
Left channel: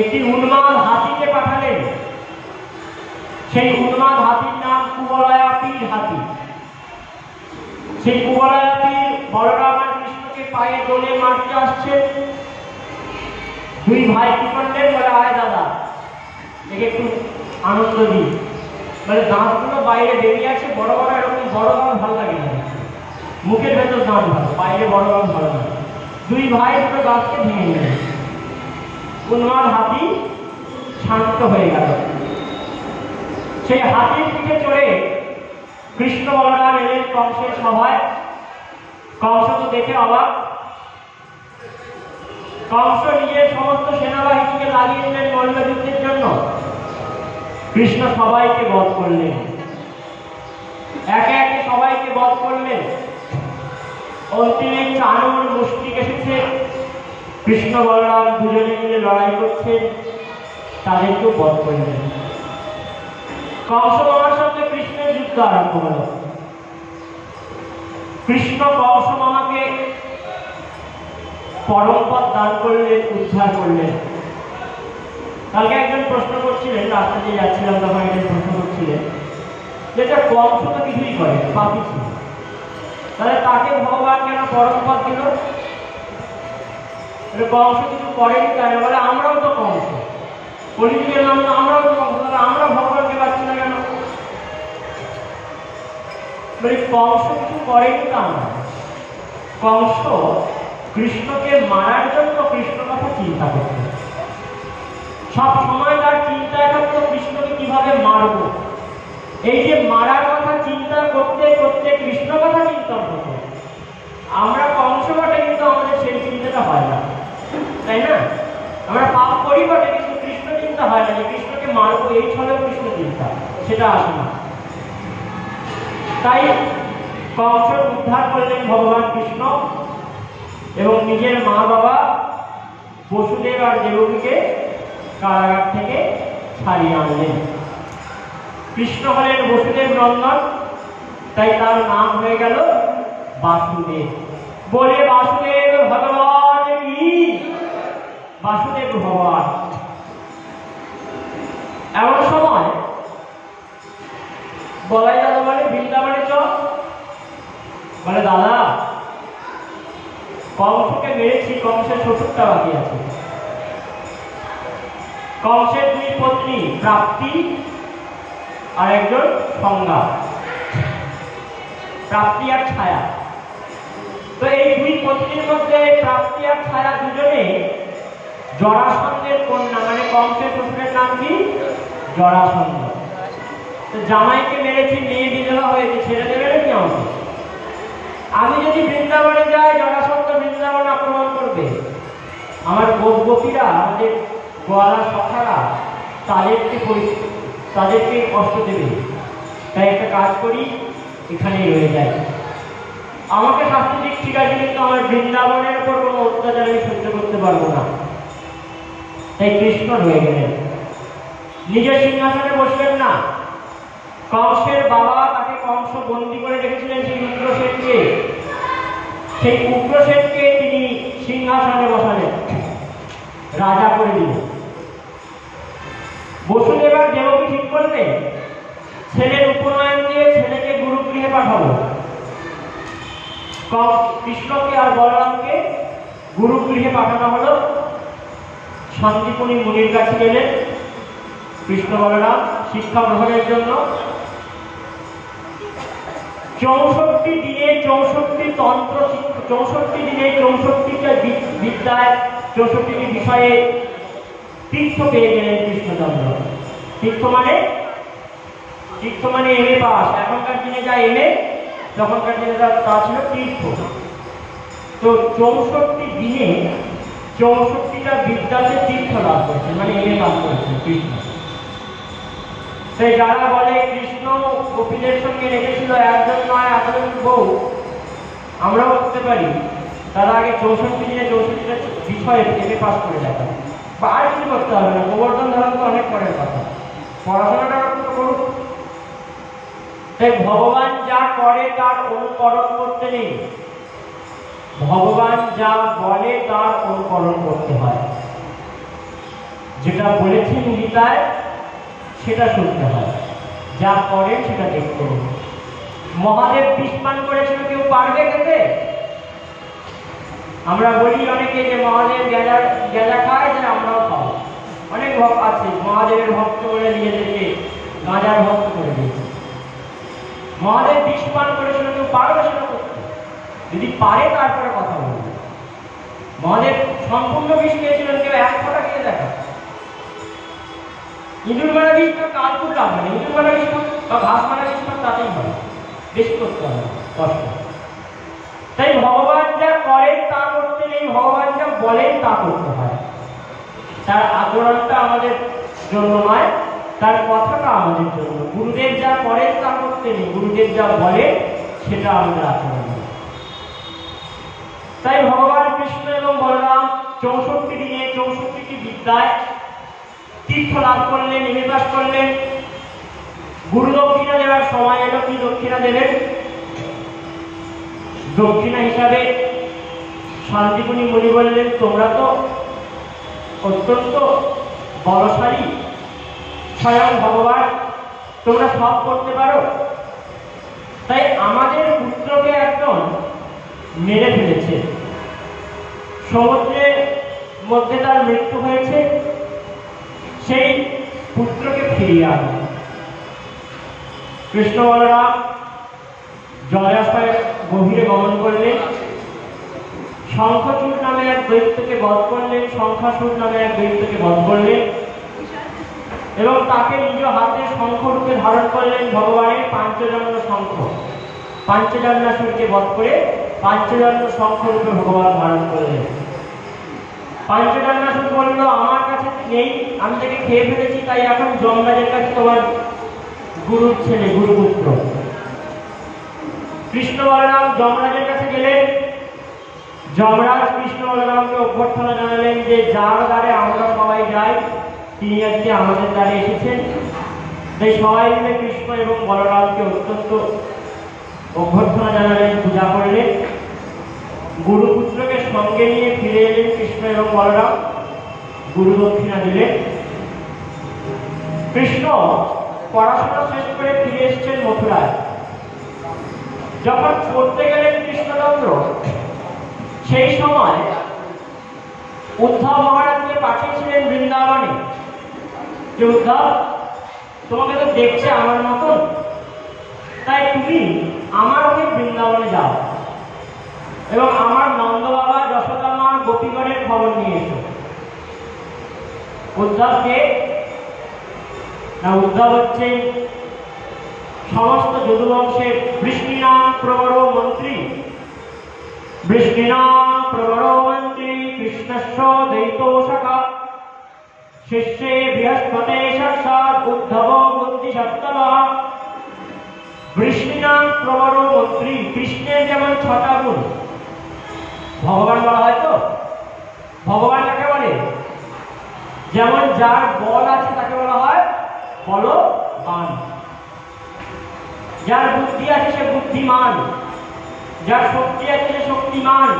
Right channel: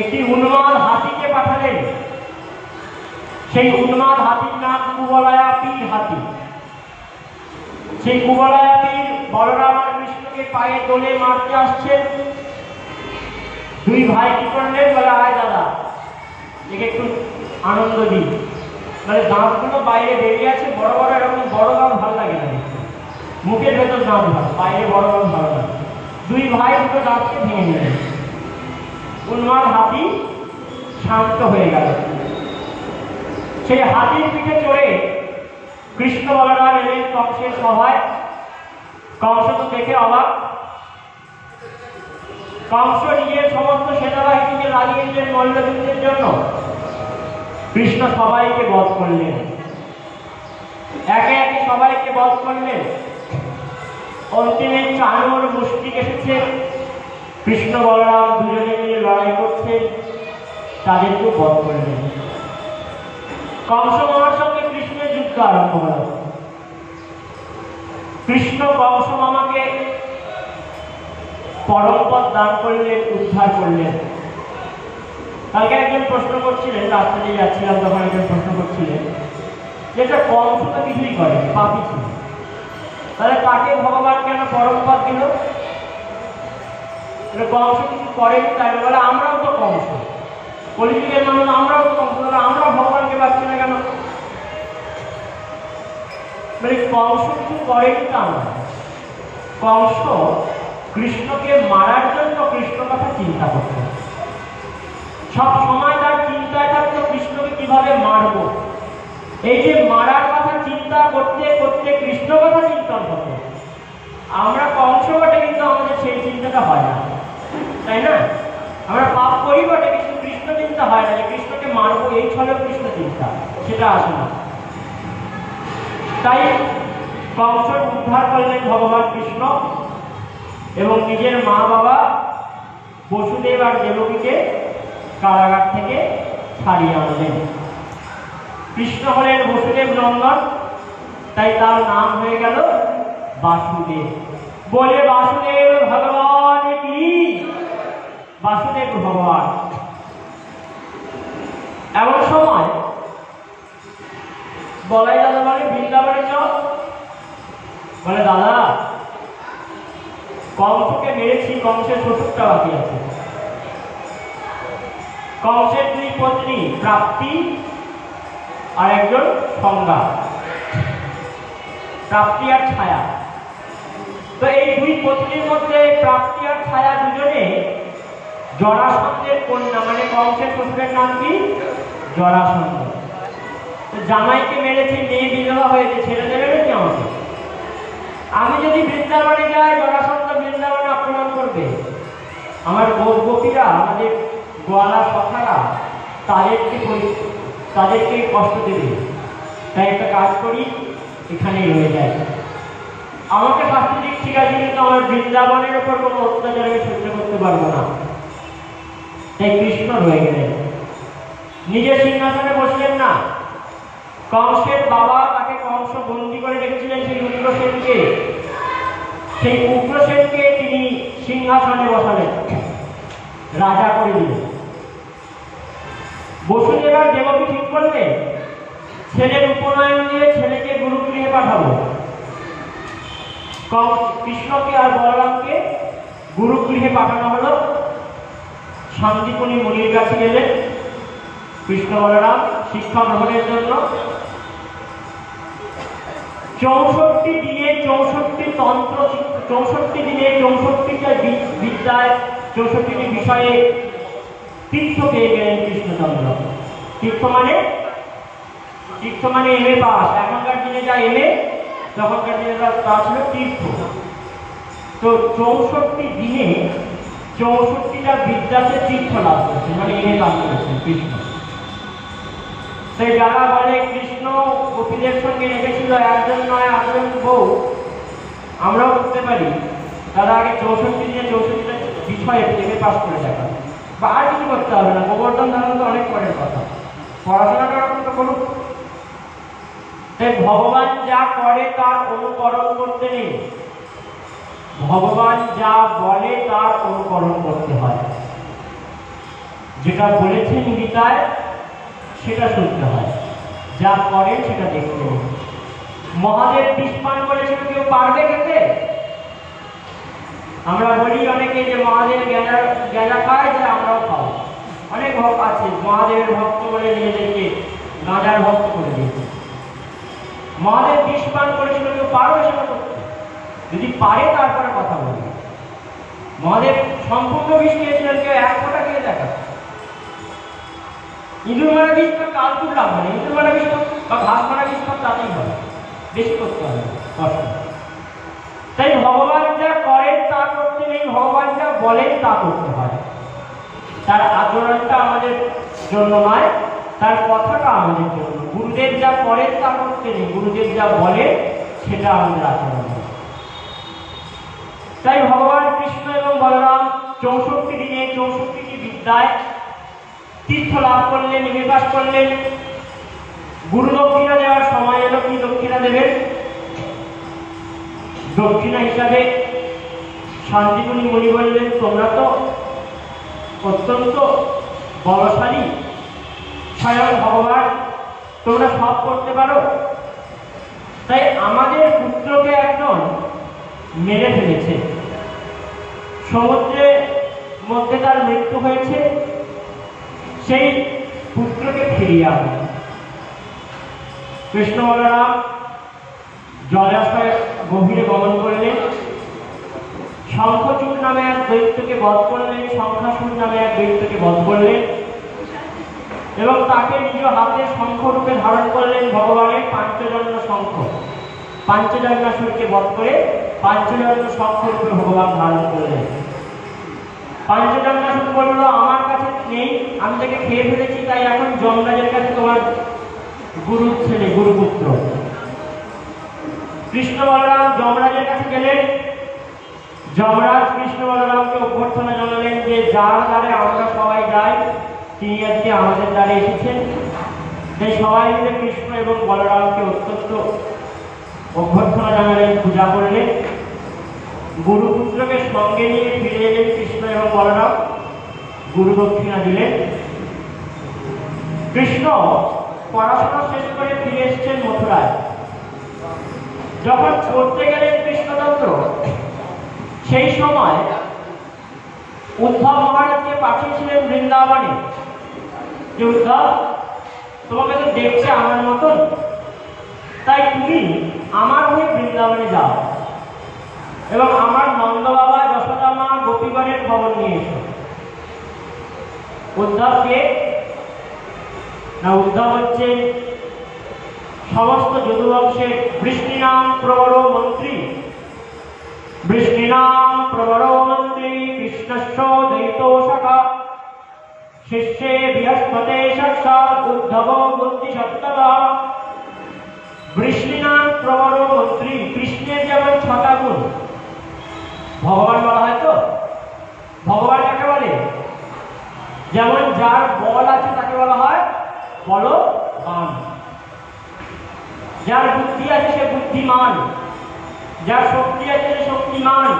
একটি উন্মাদ হাতিকে পাঠালেন। সেই উন্মাদ হাতির নাম কুবলয়াপীর হাতি। সেই কুবলয়াপীর বলরাম আর কৃষ্ণকে পায়ে দোলে মারতে আসছেন। দুই ভাই কি করলেন? বলে আয় দাদা, একে একটু আনন্দ দিই। মানে দাঁতগুলো বাইরে বেরিয়ে আছে, বড় বড়, এরকম বড় বড় ভালো লাগে না, মুখের ভেতর দাঁত ভালো, বাইরে বড় বড় ভালো লাগে। দুই ভাই দুটো দাঁতকে ভেঙে নিলেন। উন্মাদ হাতি শান্ত হয়ে গেল। সেই হাতির পিঠে চড়ে কৃষ্ণ বলরাম এলেন কংসের সভায়। কংস তো দেখে অবাক। কংস নিজের সমস্ত সেনাবাহিনীকে লাগিয়ে দিলেন মল্লযুদ্ধের জন্য। কৃষ্ণ সবাইকে বধ করলেন, একে একে সবাইকে বধ করলেন। অন্তিমে চানুর মুষ্টিক এসেছে, কৃষ্ণ বলরাম দুজনে মিলে লড়াই করছে, তাদেরকেও বধ করলেন। কংস মামার সঙ্গে কৃষ্ণের যুদ্ধ আরম্ভ হল। কৃষ্ণ কংস মামাকে পরমপদ দান করলেন, উদ্ধার করলেন। কালকে একজন প্রশ্ন করছিলেন, রাস্তা দিয়ে যাচ্ছিলাম তখন একজন প্রশ্ন করছিলেন, যেটা কংস তো কিছুই করে, পাপি ছিল, তাহলে তাকে ভগবান কেন পরমপদ দিল? কংস কিছু করেনি তাই না? বলে আমরাও তো কংস, কলিযুগের জন্য আমরাও তো কংস, আমরা ভগবানকে পাচ্ছি না কেন? বলে কংস কিছু করেনি তা না, কংস কৃষ্ণকে মারার জন্য কৃষ্ণ কথা চিন্তা করত। সব সময় তার চিন্তায় থাকতো কৃষ্ণকে কিভাবে মারব। এই যে মারার কথা চিন্তা করতে করতে কৃষ্ণ কথা চিন্তা হতো। আমরা কংস বটে, কিন্তু আমাদের সেই চিন্তাটা হয় না, তাই না? আমরা পাপ করি বটে, কিন্তু কৃষ্ণ চিন্তা হয় না যে কৃষ্ণকে মারবো, এই ছলে কৃষ্ণ চিন্তা, সেটা আসে না। তাই কংসের উদ্ধার করলেন ভগবান কৃষ্ণ এবং নিজের মা বাবা বসুদেব আর দেবকীকে কারাগার থেকে ছাড়িয়ে আনলেন। কৃষ্ণ হলেন বসুদেব নন্দন, তাই তার নাম হয়ে গেল বাসুদেব। বলে বাসুদেব ভগবান কি, বাসুদেব ভগবান। এমন সময় বলাই দাদা বলে বৃন্দাবনে চল। বলে দাদা, কংসকে মেরেছি, কংসের 70টা বাকি আছে। কংসের দুই পত্নী প্রাপ্তি আর একজন সংজ্ঞা, প্রাপ্তি আর ছায়া। তো এই দুই পত্নীর মধ্যে প্রাপ্তি আর ছায়া দুজনে জরাসন্ধের কন্যা, মানে কংসের শ্বশুরের নাম কি? জরাসন্ধ। জামাইকে মেরেছি, মেয়ে বিধবা হয়েছে, ছেড়ে দেবে নাকি আমাকে? আমি যদি বৃন্দাবনে যাই, জরাসন্ধ বৃন্দাবন আক্রমণ করবে। আমার গোপীরা, আমাদের গোয়ালা সখারা তাদেরকে কষ্ট দেবে, তাই একটা কাজ করি, এখানেই রয়ে যায়। আমাকে শাস্তি দিক ঠিক আছে, কিন্তু আমার বৃন্দাবনের উপর কোনো অত্যাচার আমি সহ্য করতে পারবো না। তাই কৃষ্ণ রয়ে গেলেন, নিজের সিংহাসনে বসলেন না। কংসের বাবা তাকে কংস বন্দী করে রেখেছিলেন সেই উগ্রসেনকে, সেই উগ্রসেনকে তিনি সিংহাসনে বসালেন, রাজা করে দিলেন। বসুদেবা দেবকী ঠিক করলেন ছেলের উপনয়ন দিয়ে ছেলেকে গুরুগৃহে পাঠাবো। কৃষ্ণকে আর বলরামকে গুরুগৃহে পাঠানো হলো। সন্দীপনী মুনির কাছে গেলেন কৃষ্ণ বলরাম শিক্ষা গ্রহণের জন্য। 64 দিনে 64টি তন্ত্র, 64 দিনে 64টা বিদ্যায় 64টি বিষয়ে তীর্থ পেয়ে গেলেন কৃষ্ণচন্দ্র। তীর্থ মানে এমএ পাস। এখনকার দিনে যা এমএ, তখনকার দিনে তা ছিল তীর্থ। তো 64 দিনে 64টা বিদ্যাতে তীর্থ লাভ করেছেন, মানে এমএ পাস করেছেন কৃষ্ণ। তাই যারা বলে কৃষ্ণ গোপীদের সঙ্গে রেখেছিল একজন নয় 8জন বউ, আমরাও করতে পারি, তারা আগে 64 দিনে 64টা বিষয়ে এমএ পাস করে দেখা, বা আর কিছু করতে হবে না। গোবর্ধন ধারণ তো অনেক পরের কথা, পড়াশোনাটা তো করুক। তাই ভগবান যা করে তার অনুকরণ করতে নেই, ভগবান যা বলে তার অনুকরণ করতে হয়। যেটা বলেছেন গীতায় সেটা শুনতে হয়, যা করেন সেটা দেখতে হবে। মহাদেব বিস্মান করেছিল, কেউ পারবে খেতে? আমরা বলি অনেকে যে মহাদেব গেঁজা খায়, যে আমরাও খাবো। অনেক ভক্ত আছে মহাদেবের ভক্ত করে নিজেদেরকে গাঁজার ভক্ত করে দিয়েছে। মহাদেব বিস্মান করেছিল, কেউ পারবে সেটা করতে? যদি পারে তারপরে কথা বলবে। মহাদেব সম্পূর্ণ বিষ খেয়েছিলেন, কেউ এক ফোঁটা খেয়ে দেখা। ইঁদুর মারা বিষ তো কাল খুব লাভ হয় না, ইঁদুর মারা বিষ বা ঘাস মারা বিষ তাতেই হয়, বেশি করতে হবে কষ্ট। তাই ভগবান যা করেন তা করতে নেই, ভগবান যা বলেন তা করতে হয়। তার আচরণটা আমাদের জন্য নয়, তার কথাটা আমাদের জন্য। গুরুদেব যা করেন তা করতে নেই, গুরুদেব যা বলেন সেটা আমাদের আচরণ। তাই ভগবান কৃষ্ণ এবং বলরাম 64 দিনে 64টি বিদ্যায় তীর্থ লাভ করলেন, নিবাস করলেন। গুরু দক্ষিণা দেওয়ার সময় এলো, কি দক্ষিণা দেবেন? দক্ষিণা হিসাবে শান্তিপুনি মুনি বললেন, তোমরা তো অত্যন্ত বলশালী, স্বয়ং ভগবান, তোমরা সব করতে পারো। তাই আমাদের পুত্রকে একজন মেরে ফেলেছে, সমুদ্রের মধ্যে তার মৃত্যু হয়েছে, সেই পুত্রকে ফিরিয়ে আনো। কৃষ্ণ বলরাম জলাশয় গভীরে গমন করলেন, শঙ্খচূড় নামে এক দৈত্যকে বধ করলেন, শঙ্খাসুর নামে এক দৈত্যকে বধ করলেন, এবং তাকে নিজ হাতে শঙ্খরূপে ধারণ করলেন ভগবানের পাঞ্চজন্য শঙ্খ। পাঞ্চজন্যাসুরকে বধ করে পাঞ্চজন্য শঙ্খরূপে ভগবান ধারণ করলেন। পাঞ্চজন্যাসুর বলল, আমার কাছে নেই, আমি তাকে খেয়ে ফেলেছি, তাই এখন যমরাজের কাছে তোমার গুরুর ছেলে, গুরুপুত্র। কৃষ্ণ বলরাম যমরাজের কাছে গেলেন। যমরাজ কৃষ্ণ বলরামকে অভ্যর্থনা জানালেন যে যার দ্বারে আমরা সবাই যাই তিনি আজকে আমাদের দ্বারে এসেছেন। তাই সবাই মিলে কৃষ্ণ এবং বলরামকে অত্যন্ত অভ্যর্থনা জানালেন, পূজা করলেন। গুরুপুত্রকে সঙ্গে নিয়ে ফিরে এলেন কৃষ্ণ এবং বলরাম, গুরু দক্ষিণা দিলেন। কৃষ্ণ পড়াশোনা শেষ করে ফিরে এসছেন মথুরায়। যখন পড়তে গেলেন কৃষ্ণচন্দ্র, সেই সময় উদ্ধব মহারাজকে পাঠিয়েছিলেন বৃন্দাবনে, যে উদ্ধব, তোমাকে তো দেখছে আমার মতন, তাই তুমি আমার হয়ে বৃন্দাবনে যাও এবং আমার নন্দ বাবা, যশোদা মা, গোপীগণের খবর নিয়ে এসো। উদ্ধবকে না, উদ্ধব হচ্ছেন সমস্ত যদুবংশের বৃষ্ণিনাম প্রবর মন্ত্রী, বৃষ্ণিনাম প্রবর মন্ত্রী কৃষ্ণস্য দ্বৈত সখা। শিষ্যে বৃহস্পতে সাক্ষাৎ উদ্ধব বুদ্ধি সপ্তমঃ বৃষ্ণিনাং প্রবর মন্ত্রী। কৃষ্ণের যেমন 6টা গুণ, ভগবান বলা হয় তো, ভগবান কাকে বলে? যেমন যার বল আছে তাকে বলা হয় বলবান, যার বুদ্ধি আছে সে বুদ্ধিমান, যার শক্তি আছে সে শক্তিমান,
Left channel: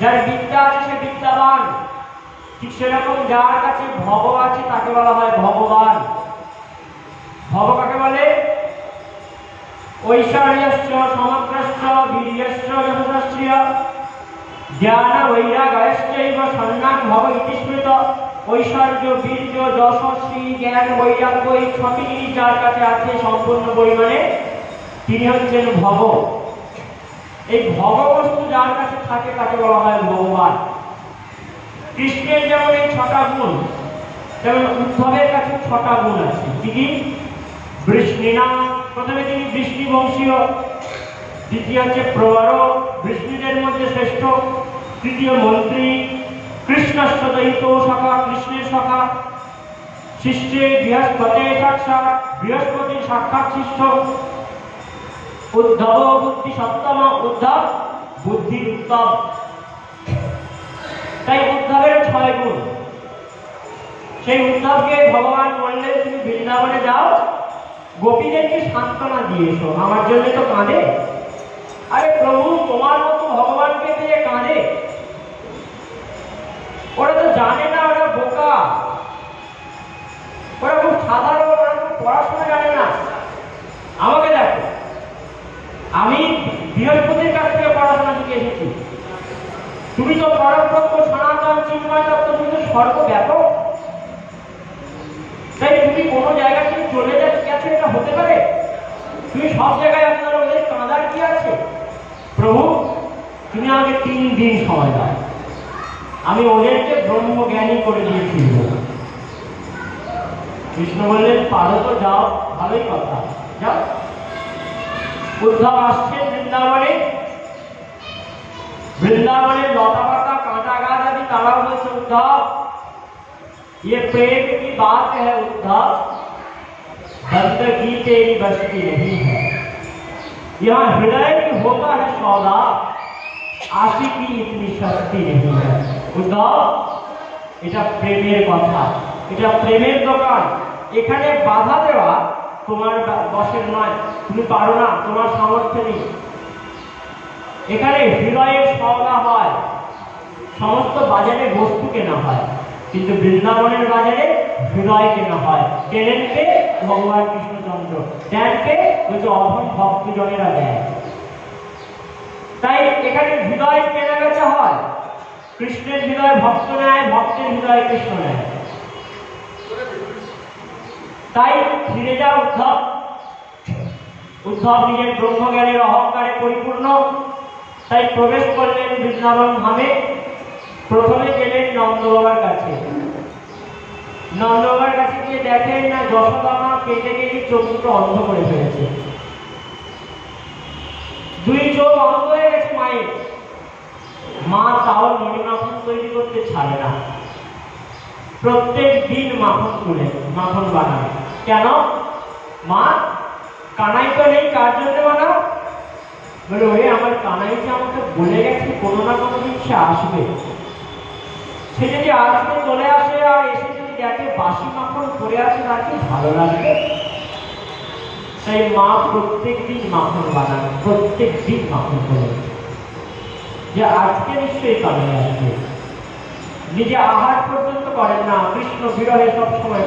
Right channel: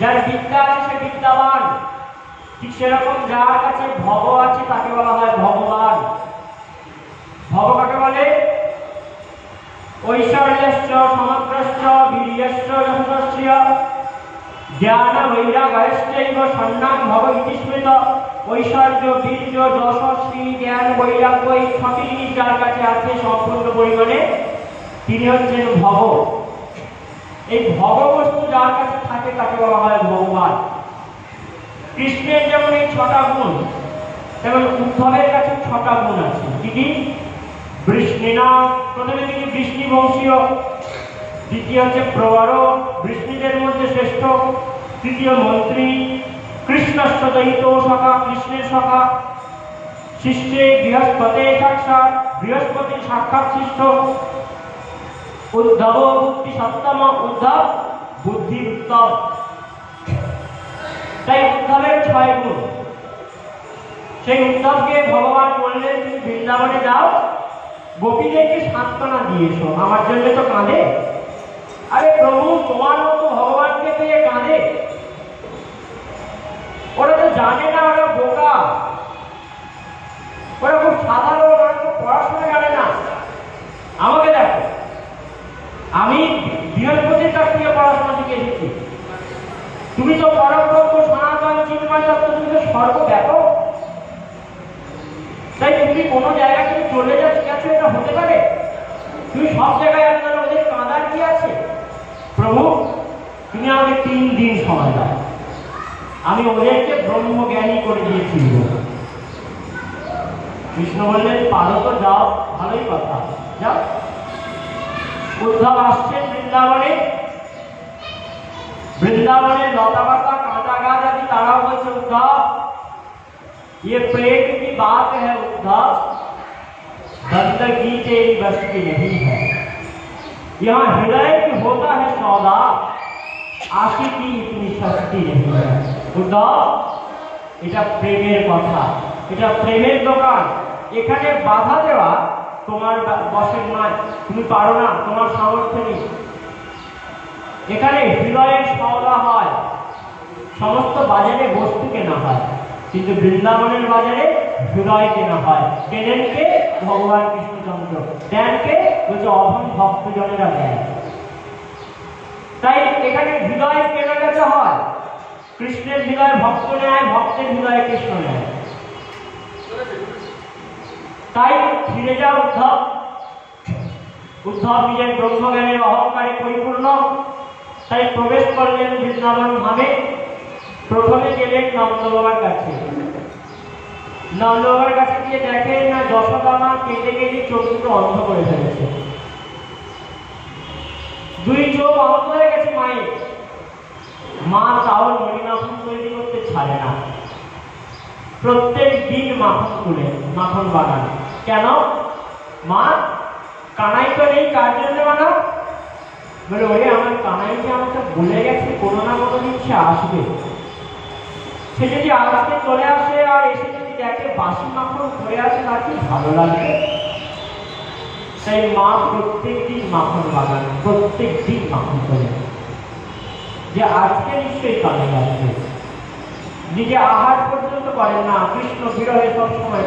যার বিদ্যা আছে সে বিদ্যাবান। ঠিক সেরকম যার কাছে ভব আছে তাকে বলা হয় ভগবান। ভব কাকে বলে? ঐশ্বর্যশ্চ সমগ্রশ্চ বীর্যশ্চ যশস্য জ্ঞান বৈরাগ্যশ্চৈব সন্ন্যাস ভব ইতি স্মৃত। ঐশ্বর্য, বীর্য, যশস্বী, জ্ঞান, বৈরাগ্য, এই 6টি জিনিস যার কাছে আছে সম্পূর্ণ পরিমাণে, তিনি হচ্ছেন ভব। এই ভব বস্তু যার কাছে থাকে তাকে বলা হয় ভগবান। কৃষ্ণের যেমন এই 6টা গুণ, তেমন উদ্ধবের কাছে 6টা গুণ আছে। কি কি? বৃষ্ণিনা, প্রথমে তিনি বৃষ্ণি বংশীয়, দ্বিতীয় হচ্ছে প্রবর, বৃষ্ণিদের মধ্যে শ্রেষ্ঠ, তৃতীয় মন্ত্রী, কৃষ্ণস্য দৈত সখা, কৃষ্ণের সখা, শিষ্যে বৃহস্পতে সাক্ষাৎ, বৃহস্পতির সাক্ষাৎ শিষ্য, উদ্ধব বুদ্ধি সপ্তম, উদ্ধব বুদ্ধি উত্তম। তাই উদ্ধবের 6 গুণ। সেই উদ্ধবকে ভগবান বললেন তুমি বৃন্দাবনে যাও, গোপীদেরকে সান্ত্বনা দিয়ে এসো, আমার জন্য তো কাঁদে। আরে প্রভু, তোমার মতো ভগবানকে পেয়ে কাঁদে? ওরা তো জানে না, ওরা বোকা, ওরা খুব সাধারণ, ওরা খুব পড়াশোনা জানে না। আমাকে দেখো, আমি বৃহস্পতির কাছ থেকে পড়াশোনা শিখে এসেছি। তুমি তো পরব্রহ্ম সনাতন চিন্ময় তত্ত্ব, তুমি তো সর্বব্যাপক। তাই তুমি কোনো জায়গা থেকে চলে গেছো, এটা হতে পারে? তুমি সব জায়গায় আপনারা ওদের কাঁদার কি আছে? প্রভু, তুমি আমাকে 3 দিন সময় দাও, আমি ওদেরকে ব্রহ্মজ্ঞানী করে দিয়েছি। কৃষ্ণ বললেন পারো তো, যাও, ভালোই কথা, যাও। উদ্ধব আসছেন বৃন্দাবনে, বৃন্দাবনের লতা পাতা কাঁটা গাছ আদি তারাও বলছে उद्धव ये प्रेम की बात है उद्धव, बंदगी तेरी बस की नहीं है, यहाँ हृदय की होता है सौदा, आशिकी इतनी सस्ती नहीं है। उद्धव, এটা প্রেমের কথা, এটা প্রেমের দোকান, এখানে বাধা দেওয়া তোমার বশের নয়, তুমি পারো না, তোমার সামর্থ্য নেই। এখানে হৃদয়ের সওদা হয়, সমস্ত বাজারে বস্তু কেনা হয়, কিন্তু বৃন্দাবনের বাজারে হৃদয় কেনা হয়। কেনেন কে? ভগবান কৃষ্ণচন্দ্র। দেন কে? যদি অধম ভক্তজনেরা দেয়। তাই এখানে হৃদয় কেনা বেচা হয়। কৃষ্ণের হৃদয় ভক্ত নেয়, ভক্তের হৃদয় কৃষ্ণ নেয়। তাই ফিরে যাও উদ্ধব। উদ্ধব নিজের ব্রহ্মজ্ঞানের অহংকারে পরিপূর্ণ, তাই প্রবেশ করলেন বৃন্দাবন ধামে। প্রথমে গেলেন নন্দবাবার কাছে। নন্দবাবার কাছে গিয়ে দেখেন না যশোদা মা কেঁদে কেঁদে চোখ দুটো অন্ধ করে ফেলেছে, 2 চোখ অন্ধ হয়ে গেছে মায়ের। মা তাও মণিমাখন তৈরি করতে ছাড়ে না, প্রত্যেক দিন মাখন তুলে মাখন বানায়। কেন? মা, কানাই তো নেই, কার জন্য বানাও? বলে ওই আমার কানাইকে আমাকে বলে গেছে কোনো না কোনো দিন সে আসবে, সে যদি আসবে চলে আসে, আর এসে যদি দেখে বাসি মাখন পড়ে আছে তাকে ভালো লাগে। তাই মা প্রত্যেক দিন মাখন বানায়, প্রত্যেক দিন মাখন করে, যে আজকে নিশ্চয়ই কানাই আসবে। নিজে আহার পর্যন্ত করেন না, কৃষ্ণ বিরহে সবসময়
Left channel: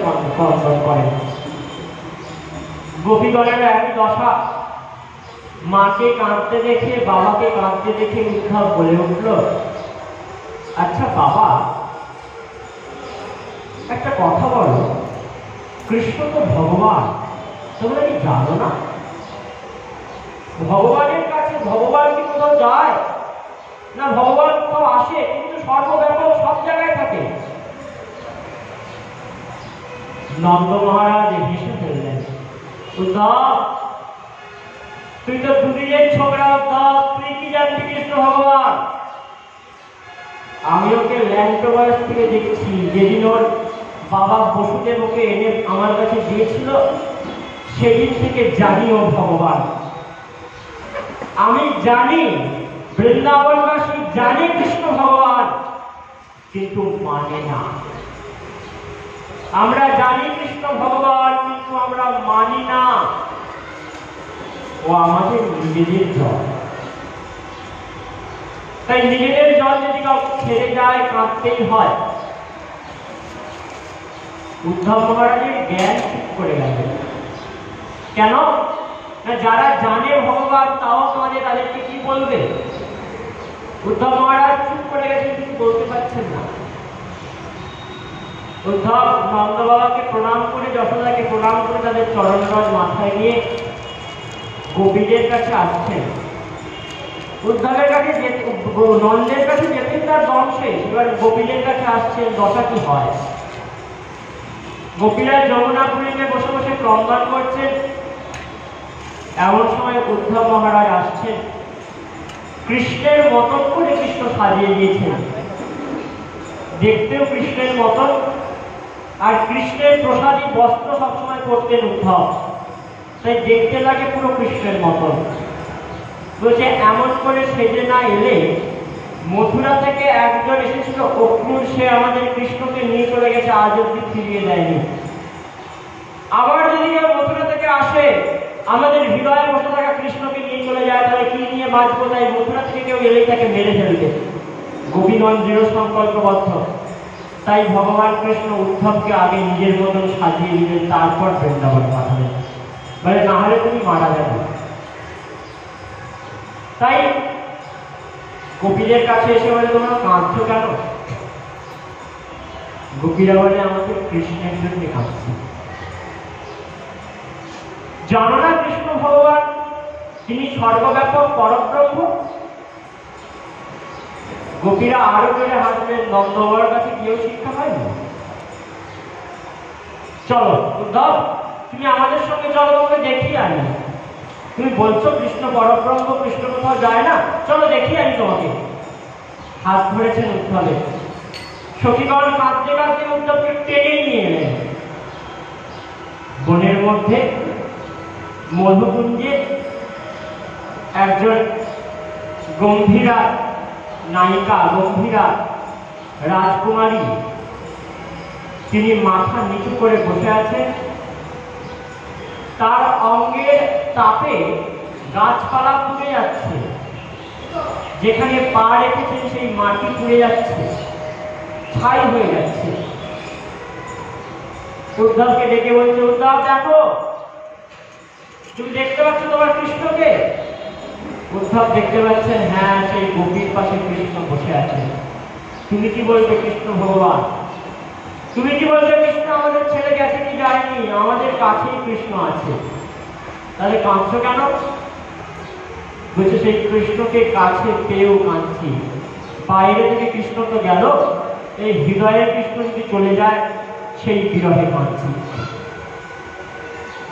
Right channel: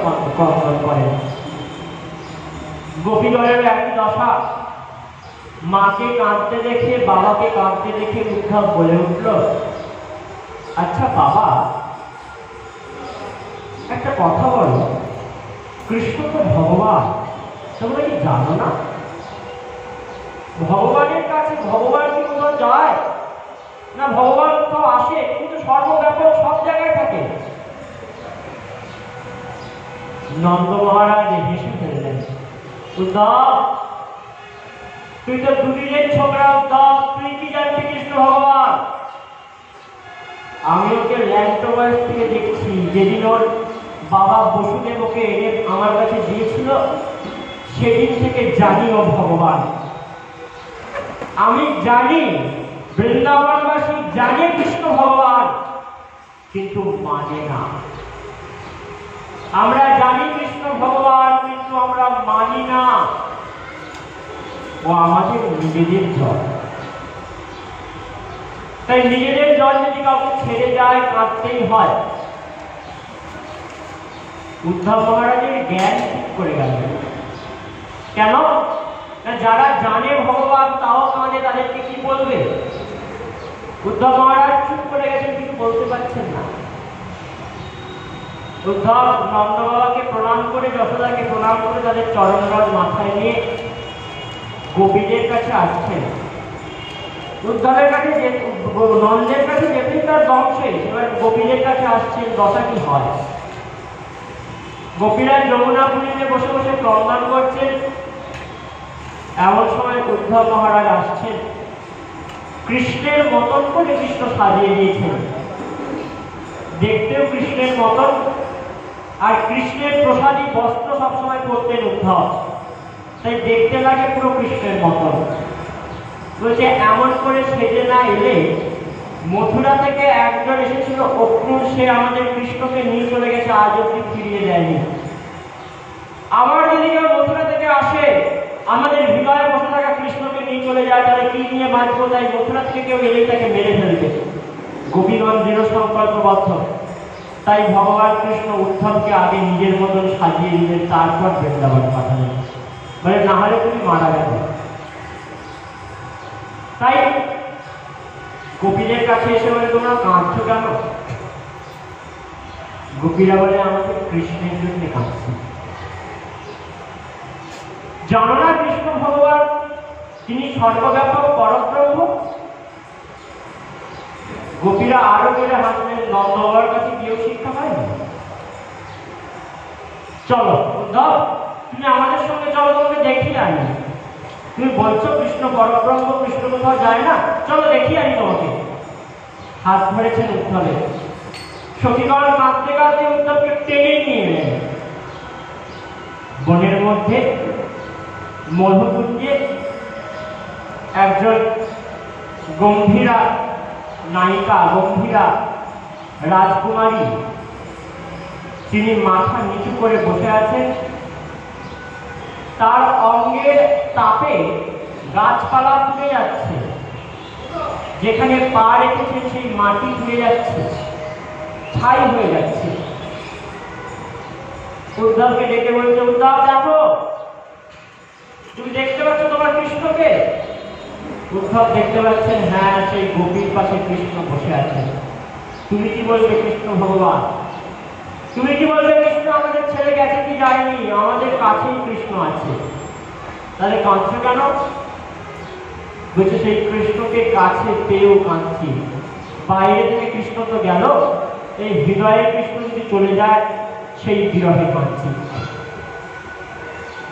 করেন। গোপীগণের একই দশা। মাকে কাঁদতে দেখে, বাবাকে কাঁদতে দেখে উদ্ধব বলে উঠল, আচ্ছা বাবা, একটা কথা বলো, কৃষ্ণ তো ভগবান, তোমরা কি জানো না? ভগবানের কাছে ভগবান কি কোথাও যায় না? ভগবান কোথাও আসে? কিন্তু সর্বব্যাপক, সব জায়গায় থাকে। নন্দ মহারাজ হেসে ফেললেন, উদ্ধব, তুই তো দুদিনের ছোকরা উদ্ধব, তুই কি জানবি কৃষ্ণ ভগবান? আমি ওকে ল্যান্টো বয়স থেকে দেখছি, যেদিন ওর বাবা বসুদেব ওকে এনে আমার কাছে দিয়েছিল সেদিন থেকে জানি ও ভগবান। আমি জানি বৃন্দাবনবাসী জানে কৃষ্ণ ভগবান, কিন্তু মানে না। আমরা জানি কৃষ্ণ ভগবান, কিন্তু আমরা মানি না। ও আমাদের নিজেদের জল। তাই নিজেদের জল যদি কাউকে ছেড়ে যায় কাঁদতেই হয়। উদ্ধব মহারাজের জ্ঞান ঠিক করে গেলেন। কেন? যারা জানে ভগবান তাও কাঁদে, তাদেরকে কি বলবে? উদ্ধব মহারাজ চুপ করে গেছেন, কিছু বলতে পারছেন না। উদ্ধব নন্দ বাবাকে প্রণাম করে, যশোদাকে প্রণাম করে তাদের চরণ জল মাথায় নিয়ে গোপীদের কাছে আসছেন। উদ্ধবের কাছে নন্দের কাছে যেতেই তার দম শেষ, এবার গোপীদের কাছে আসছেন। দশা কি হয়? গোপীরা যমুনাপুরীতে বসে বসে ক্রন্দন করছেন। এমন সময় উদ্ধব মহারাজ আসছেন। কৃষ্ণের মতন করে কৃষ্ণ সাজিয়ে দিয়েছেন, দেখতেও কৃষ্ণের মতন, আর কৃষ্ণের প্রসাদী বস্ত্র সবসময় পরতেন উদ্ধব, তাই দেখতে লাগে পুরো কৃষ্ণের মতন। বলছে এমন করে সেজে না এলে, মথুরা থেকে একজন এসেছিল অক্রূর, সে আমাদের কৃষ্ণকে নিয়ে চলে গেছে, আজ অব্দি ফিরিয়ে দেয়নি। আবার যদি কেউ মথুরা থেকে আসে, আমাদের হৃদয়ে বসে থাকা কৃষ্ণকে নিয়ে চলে যায়, তাহলে কি নিয়ে বাঁচবো? তাই মথুরা থেকে কেউ এলেই তাকে মেরে ফেলবে। গোপীগণ দৃঢ় সংকল্পবদ্ধ। তাই ভগবান কৃষ্ণ উদ্ধবকে আগে নিজের মতন সাজিয়ে দিলেন, তারপর বৃন্দাবন পাঠালেন। বলে না হলে তুমি মারা যাবে। তাই গোপীদের কাছে এসে বলে তোমরা কাঁদছো কেন? গোপীরা বলে আমাদের কৃষ্ণের জন্য কাঁদছি। জানো না কৃষ্ণ ভগবান তিনি সর্বব্যাপক পরব্রহ্ম? গোপীরা আরো বেড়ে হাসলেন। নন্দ বাবার কাছে গিয়েও শিক্ষা হয়নি। চলো উদ্ধব, তুমি আমাদের সঙ্গে চলো, তোমাকে দেখিয়ে আনি। তুমি বলছো কৃষ্ণ পরব্রহ্ম, কৃষ্ণ কোথাও যায় না, চলো দেখিয়ে আনি তোমাকে। হাত ধরেছেন উদ্ধবের। সখীগণ কাঁদতে কাঁদতে উদ্ধবকে টেনে নিয়ে এলেন। বনের মধ্যে মধুকুঞ্জে একজন গম্ভীরা নায়িকা, গম্ভীরা রাজকুমারী, তিনি মাথা নিচু করে বসে আছেন। তার অঙ্গের তাপে গাছপালা পুড়ে যাচ্ছে, যেখানে পা রেখেছেন সেই মাটি পুড়ে যাচ্ছে, ছাই হয়ে যাচ্ছে। উদ্ধবকে ডেকে বলছে, উদ্ধব দেখো, তুমি দেখতে পাচ্ছ তোমার কৃষ্ণকে? উদ্ধব দেখতে পাচ্ছেন, হ্যাঁ, সেই গোপীর পাশে কৃষ্ণ বসে আছে। তুমি কি বলবে কৃষ্ণ ভগবান? তুমি কি বলবে কৃষ্ণ আমাদের ছেলে গেছে কি যায়নি? আমাদের কাছেই কৃষ্ণ আছে। তাহলে কাঁদছো কেন? বলছে সেই কৃষ্ণকে কাছে পেয়েও কাঁদছি। বাইরে থেকে কৃষ্ণ তো গেল, এই হৃদয়ের কৃষ্ণ যদি চলে যায়, সেই বিরহে কাঁদছি।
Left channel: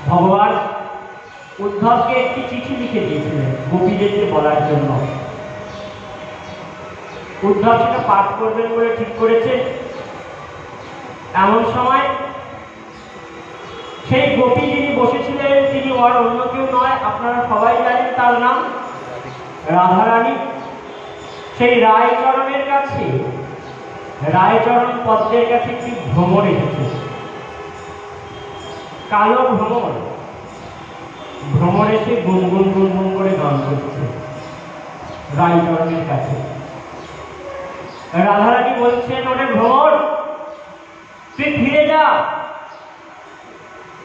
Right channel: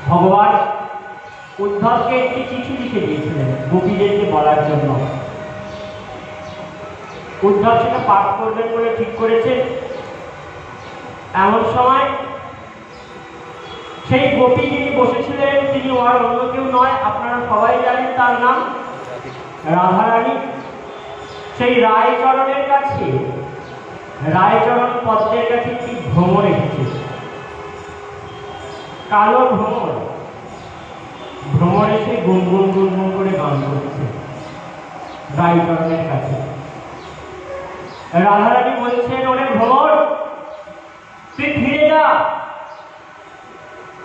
ভগবান উদ্ধবকে একটি চিঠি লিখে দিয়েছিলেন গোপীদেরকে বলার জন্য। উদ্ধব সেটা পাঠ করবেন বলে ঠিক করেছে। এমন সময় সেই গোপী যিনি বসেছিলেন, তিনি আর অন্য কেউ নয়, আপনারা সবাই জানেন তার নাম রাধারানী। সেই রায়চরণের কাছে, রায়চরণ পদ্মের কাছে একটি ভ্রমর এসেছে, কালো ভ্রমর। ভ্রমর এসে গুনগুন গুনগুন করে গান করছে রায়চরণের কাছে। রাধারানী বলছেন, ওরে ভ্রমর, তুই ফিরে যা,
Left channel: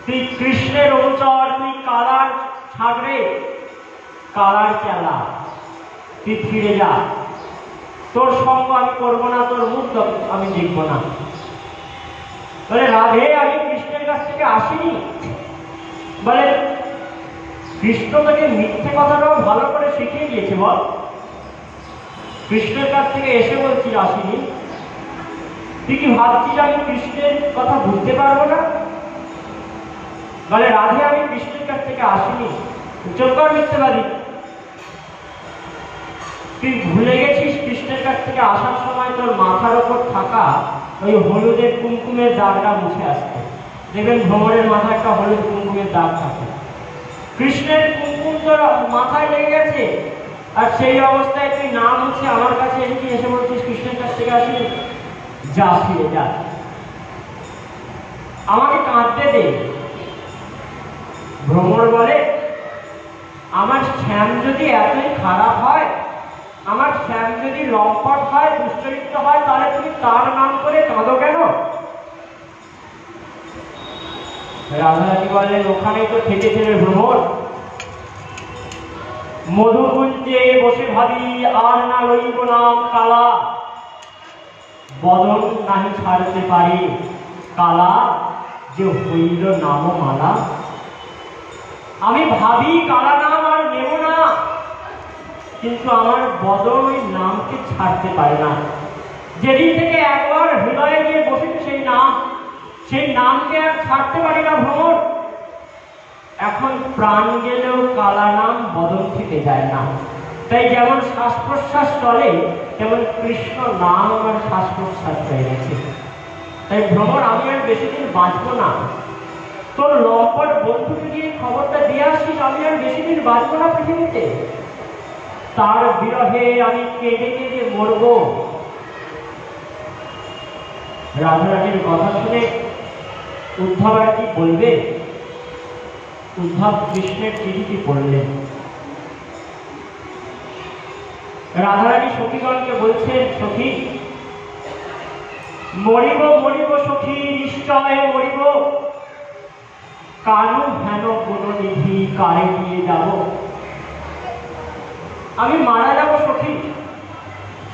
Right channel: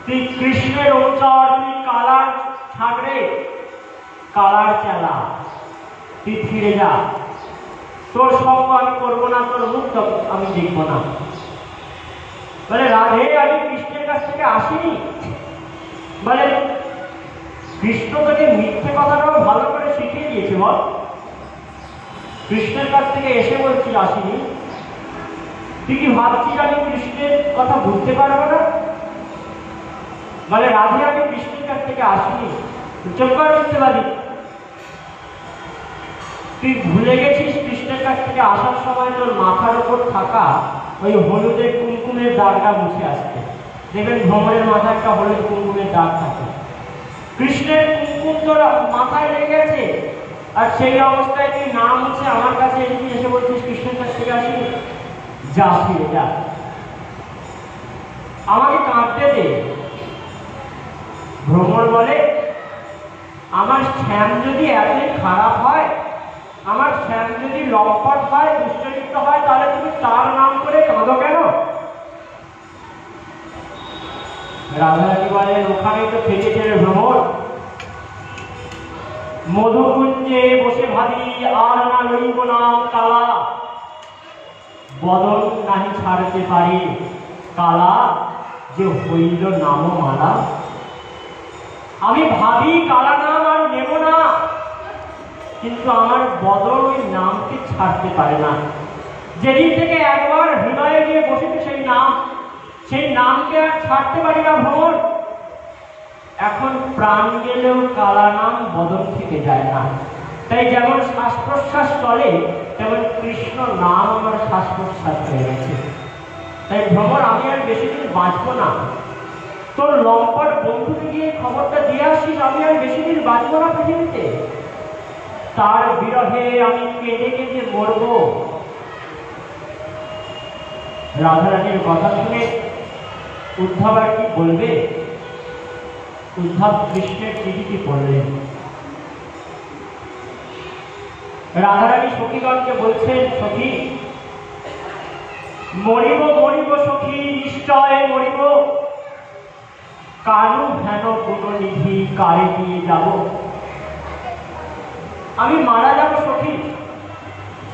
তুই কৃষ্ণের অনুচর, তুই কালার ছাগড়ে, কালার চালা, তুই ফিরে যা। তোর সঙ্গ আমি করবো না, তোর মুখ আমি দেখবো না। বলে রাধে, আমি কৃষ্ণের কাছ থেকে আসিনি। বলে কৃষ্ণ তোকে মিথ্যে কথাটাও ভালো করে শিখিয়ে দিয়েছে। বল, কৃষ্ণের কাছ থেকে এসে বলছি আসিনি। তুই কি ভাবছিস আমি কৃষ্ণের কথা বুঝতে পারবো না? বলে রাধে, আমি কৃষ্ণের কাছ থেকে আসিনি। চোখ মিথ্যেবাদী। তুই ভুলে গেছিস কৃষ্ণের কাছ থেকে আসার সময় তোর মাথার ওপর থাকা ওই হলুদের কুমকুমের দাগটা মুছে আসতে। দেখবেন ভ্রমণের মাথায় একটা হলুদ কুমকুমের দাগ থাকে, কৃষ্ণের কুমকুম তোর মাথায় লেগে গেছে, আর সেই অবস্থায় তুই না মুছে আমার কাছে এসে বলছিস কৃষ্ণের কাছ থেকে আসি, যা ফিরে যা, আমাকে কাঁদতে দে। ভ্রমর বলে, আমার শ্যাম যদি এতই খারাপ হয়, আমার শ্যাম যদি লম্পট হয়, দুশ্চরিত্র হয়, তাহলে তুমি তার নাম করে কাঁদো কেন? রাধারানী বলেন, ওখানেই তো থেকেছে ভ্রমর, মধুকুঞ্জে বসে ভাবি আর না লইব নাম কালা, বদন নাহি ছাড়তে পারি কালা, যে হইল নাম মালা। আমি ভাবি কালা নাম আর নেব না, কিন্তু আমার বদন ওই নামকে ছাড়তে পারে না। যেদিন থেকে একবার হৃদয়ে গিয়ে বসেছে সেই নামকে আর ছাড়তে পারি না ভ্রমর। এখন প্রাণ গেলেও কালা নাম বদন থেকে যায় না। তাই যেমন শ্বাস প্রশ্বাস চলে, তেমন কৃষ্ণ নাম আমার শ্বাস প্রশ্বাস হয়ে গেছে। তাই ভ্রমর, আমি আর বেশি দিন বাঁচবো না। তোর লম্পট বন্ধুকে গিয়ে খবরটা দিয়ে আসছিস, আমি আর বেশি দিন বাঁচবো না পৃথিবীতে। তার বিরহে আমি কেঁদে কেঁদে মরব। রাধারানীর কথা শুনে উদ্ধব আর কি বলবে? উদ্ধব কৃষ্ণের চিঠিটি পড়লেন। রাধারানী সখীগণকে বলছেন, সখী, মরিব মরিব সখী, নিশ্চয় মরিব, কারণ হেন কোন নিধি কারে দিয়ে যাব? আমি মারা যাব সখী,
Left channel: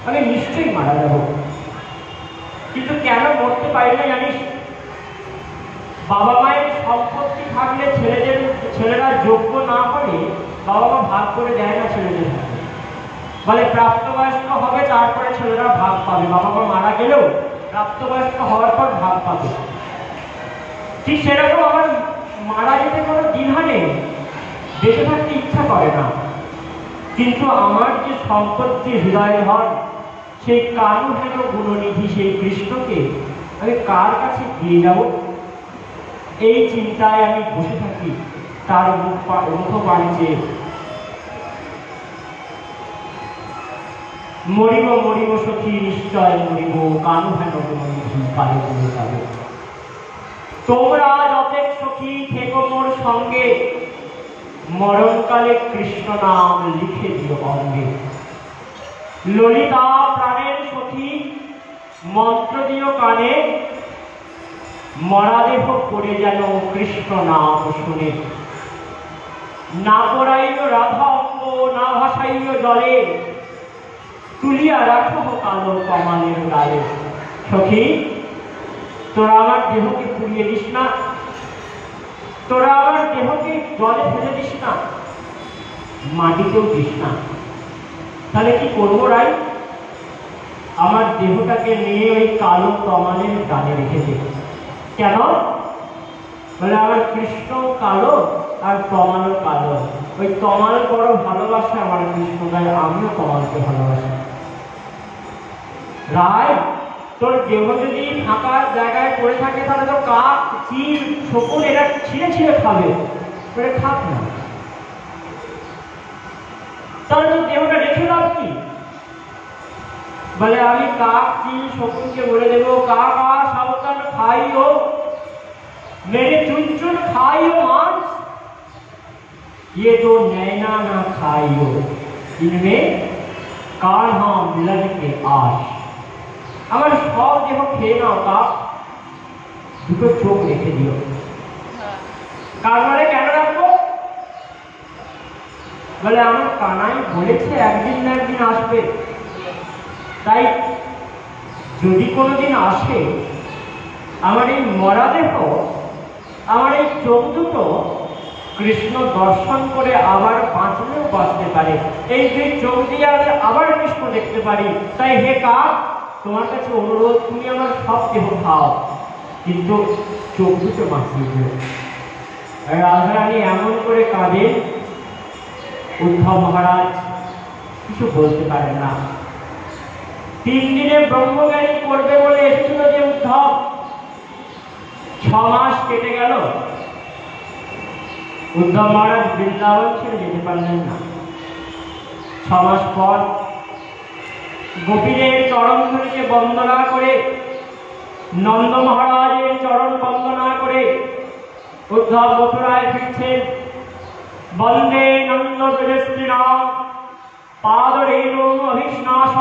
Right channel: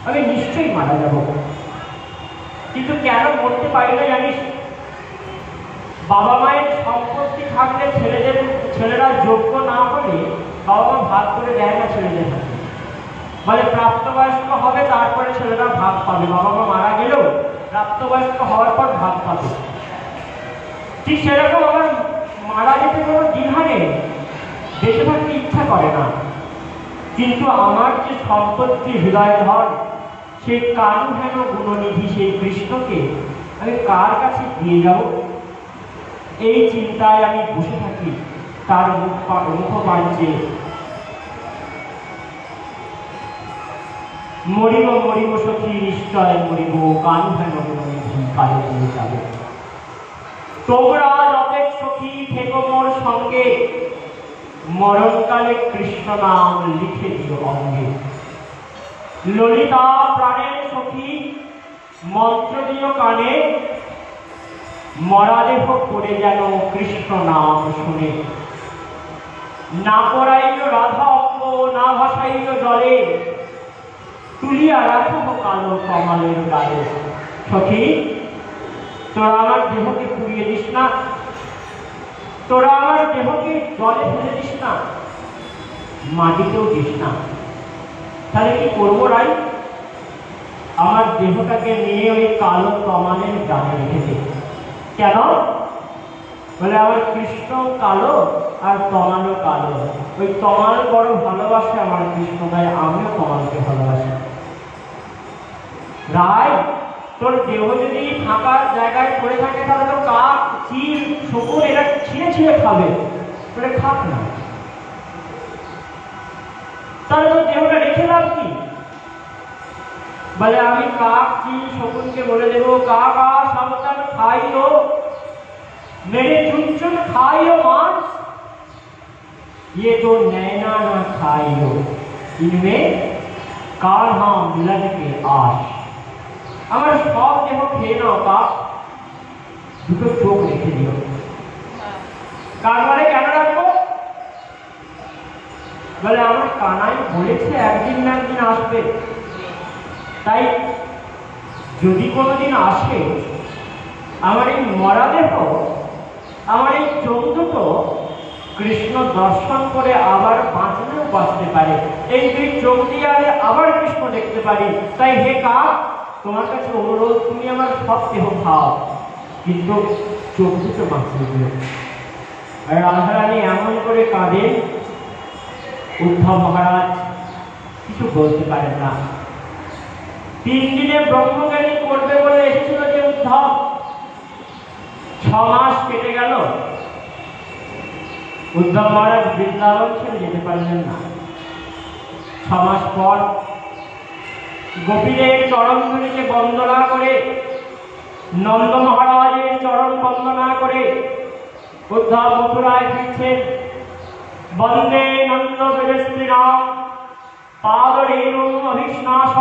আমি নিশ্চয়ই মারা যাব। কিন্তু কেন মরতে পারি না জানিস? বাবা মায়ের সম্পত্তি থাকলে ছেলেরা যোগ্য না হলে বাবা মা ভাগ করে দেয় না ছেলেদের হাতে। বলে প্রাপ্তবয়স্ক হবে তারপরে ছেলেরা ভাগ পাবে, বাবা মা মারা গেলেও প্রাপ্তবয়স্ক হওয়ার পর ভাগ পাবে। ঠিক সেরকম আমার মারা যেতে কোনো দ্বিধা নেই, বেঁচে থাকতে ইচ্ছা করে না, কিন্তু আমার যে সম্পত্তি হৃদয় ধন, সেই কারুহেন গুণনিধি সেই কৃষ্ণকে আমি কার কাছে দিয়ে যাব? এই চিন্তায় আমি বসে থাকি তার মুখপাঞ্চে। মরিব মরিব সখী, নিশ্চয় মরিব, কারুহেন গুণনিধি কারে দিয়ে যাব? তোমরা যতেক সখী থেকো মোর সঙ্গে, মরণকালে কৃষ্ণ নাম লিখে দিও অঙ্গে। ললিতা প্রাণের সখী, মন্ত্র দিও কানে, মরাদেহ পড়ে যেন কৃষ্ণ নাম শুনে। না পড়াইল রাধা অঙ্গ, না ভাসাইল জলে, তুলিয়া রাখো কালো কমালের গালে। সখী, তোরা আমার দেহকে পুড়িয়ে দিস না, তোরা আমার দেহকে জলে ফেলে দিস না, মাটিতেও দিস না। তাহলে কি করবো রাই? আমার দেহটাকে নিয়ে ওই কালো তমালের গানে রেখে দে। কেন? বলে আমার কৃষ্ণ কালো আর তমালও কালো। ওই তমাল বড় ভালোবাসে আমার কৃষ্ণ গায়ে, আমিও তমালকে ভালোবাসি। রায়, তোর দেহ যদি ফাঁকা জায়গায় পড়ে থাকে, তাহলে তো কাক, চিল, শকুন এরা ছিঁড়ে ছিঁড়ে খাবে, তোরে খাক না। তাহলে তোর দেহটা রেখে লাভ কি? বলে আমি কাক, চিল, শকুনকে বলে দেবো, কাক आ सावधान खाइयो, मेरे चुन चुन खाइयो मांस, ये तो नैना ना खाइयो, इनमें काढ़ा मिलन के आश। আমার সব দেহ খেয়ে নাও কাক, দুটো চোখ রেখে দিও। কারবারে কেন রাখবো? বলে আমার কানাই বলেছে একদিন না একদিন আসবে, তাই যদি কোনোদিন আসে, আমার এই মরা দেহ, আমার এই চোখ দুটো কৃষ্ণ দর্শন করে আবার বাঁচলেও বাঁচতে পারে। এই দুই চোখ দিয়ে আবার কৃষ্ণ দেখতে পারি। তাই হে কাক, তোমার কাছে অনুরোধ, তুমি আমার সব দেহ খাও, কিন্তু চোখ দুটো বাঁচিয়ে দিও। রাধারানী এমন করে কাঁদে। উদ্ধব মহারাজ কিছু বলতে পারেন না। 3 দিনে ব্রহ্মজ্ঞানী করবে বলে এসেছিল যে উদ্ধব, 6 মাস কেটে গেল, উদ্ধব মহারাজ বৃন্দাবন ছেড়ে যেতে পারলেন না। 6 মাস পর গোপীদের চরণ ধুলিকে বন্দনা করে, নন্দ মহারাজের চরণ বন্দনা করে উদ্ধব মথুরায় ফিরছেন। বন্দে নন্দ ব্রজস্ত্রীণাম পাদরেণুম অধিষ্ণাস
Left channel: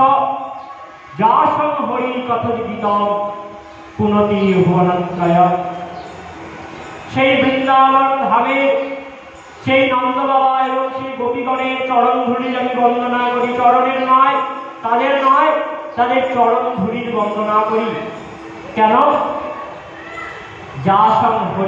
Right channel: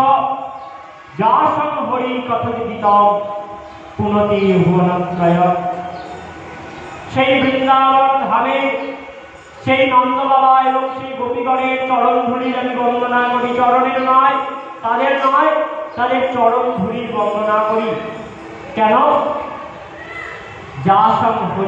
যাসং হরি কথোদিতম পুনতি ভুবনত্রয়। সেই বৃন্দাবন ধামে সেই নন্দ বাবা এবং সেই গোপীগণের চরণ ধুলির আমি বন্দনা করি। চরণের নয়, তাদের চরণ ধুলির বন্দনা করি। কেন? যাসং হরি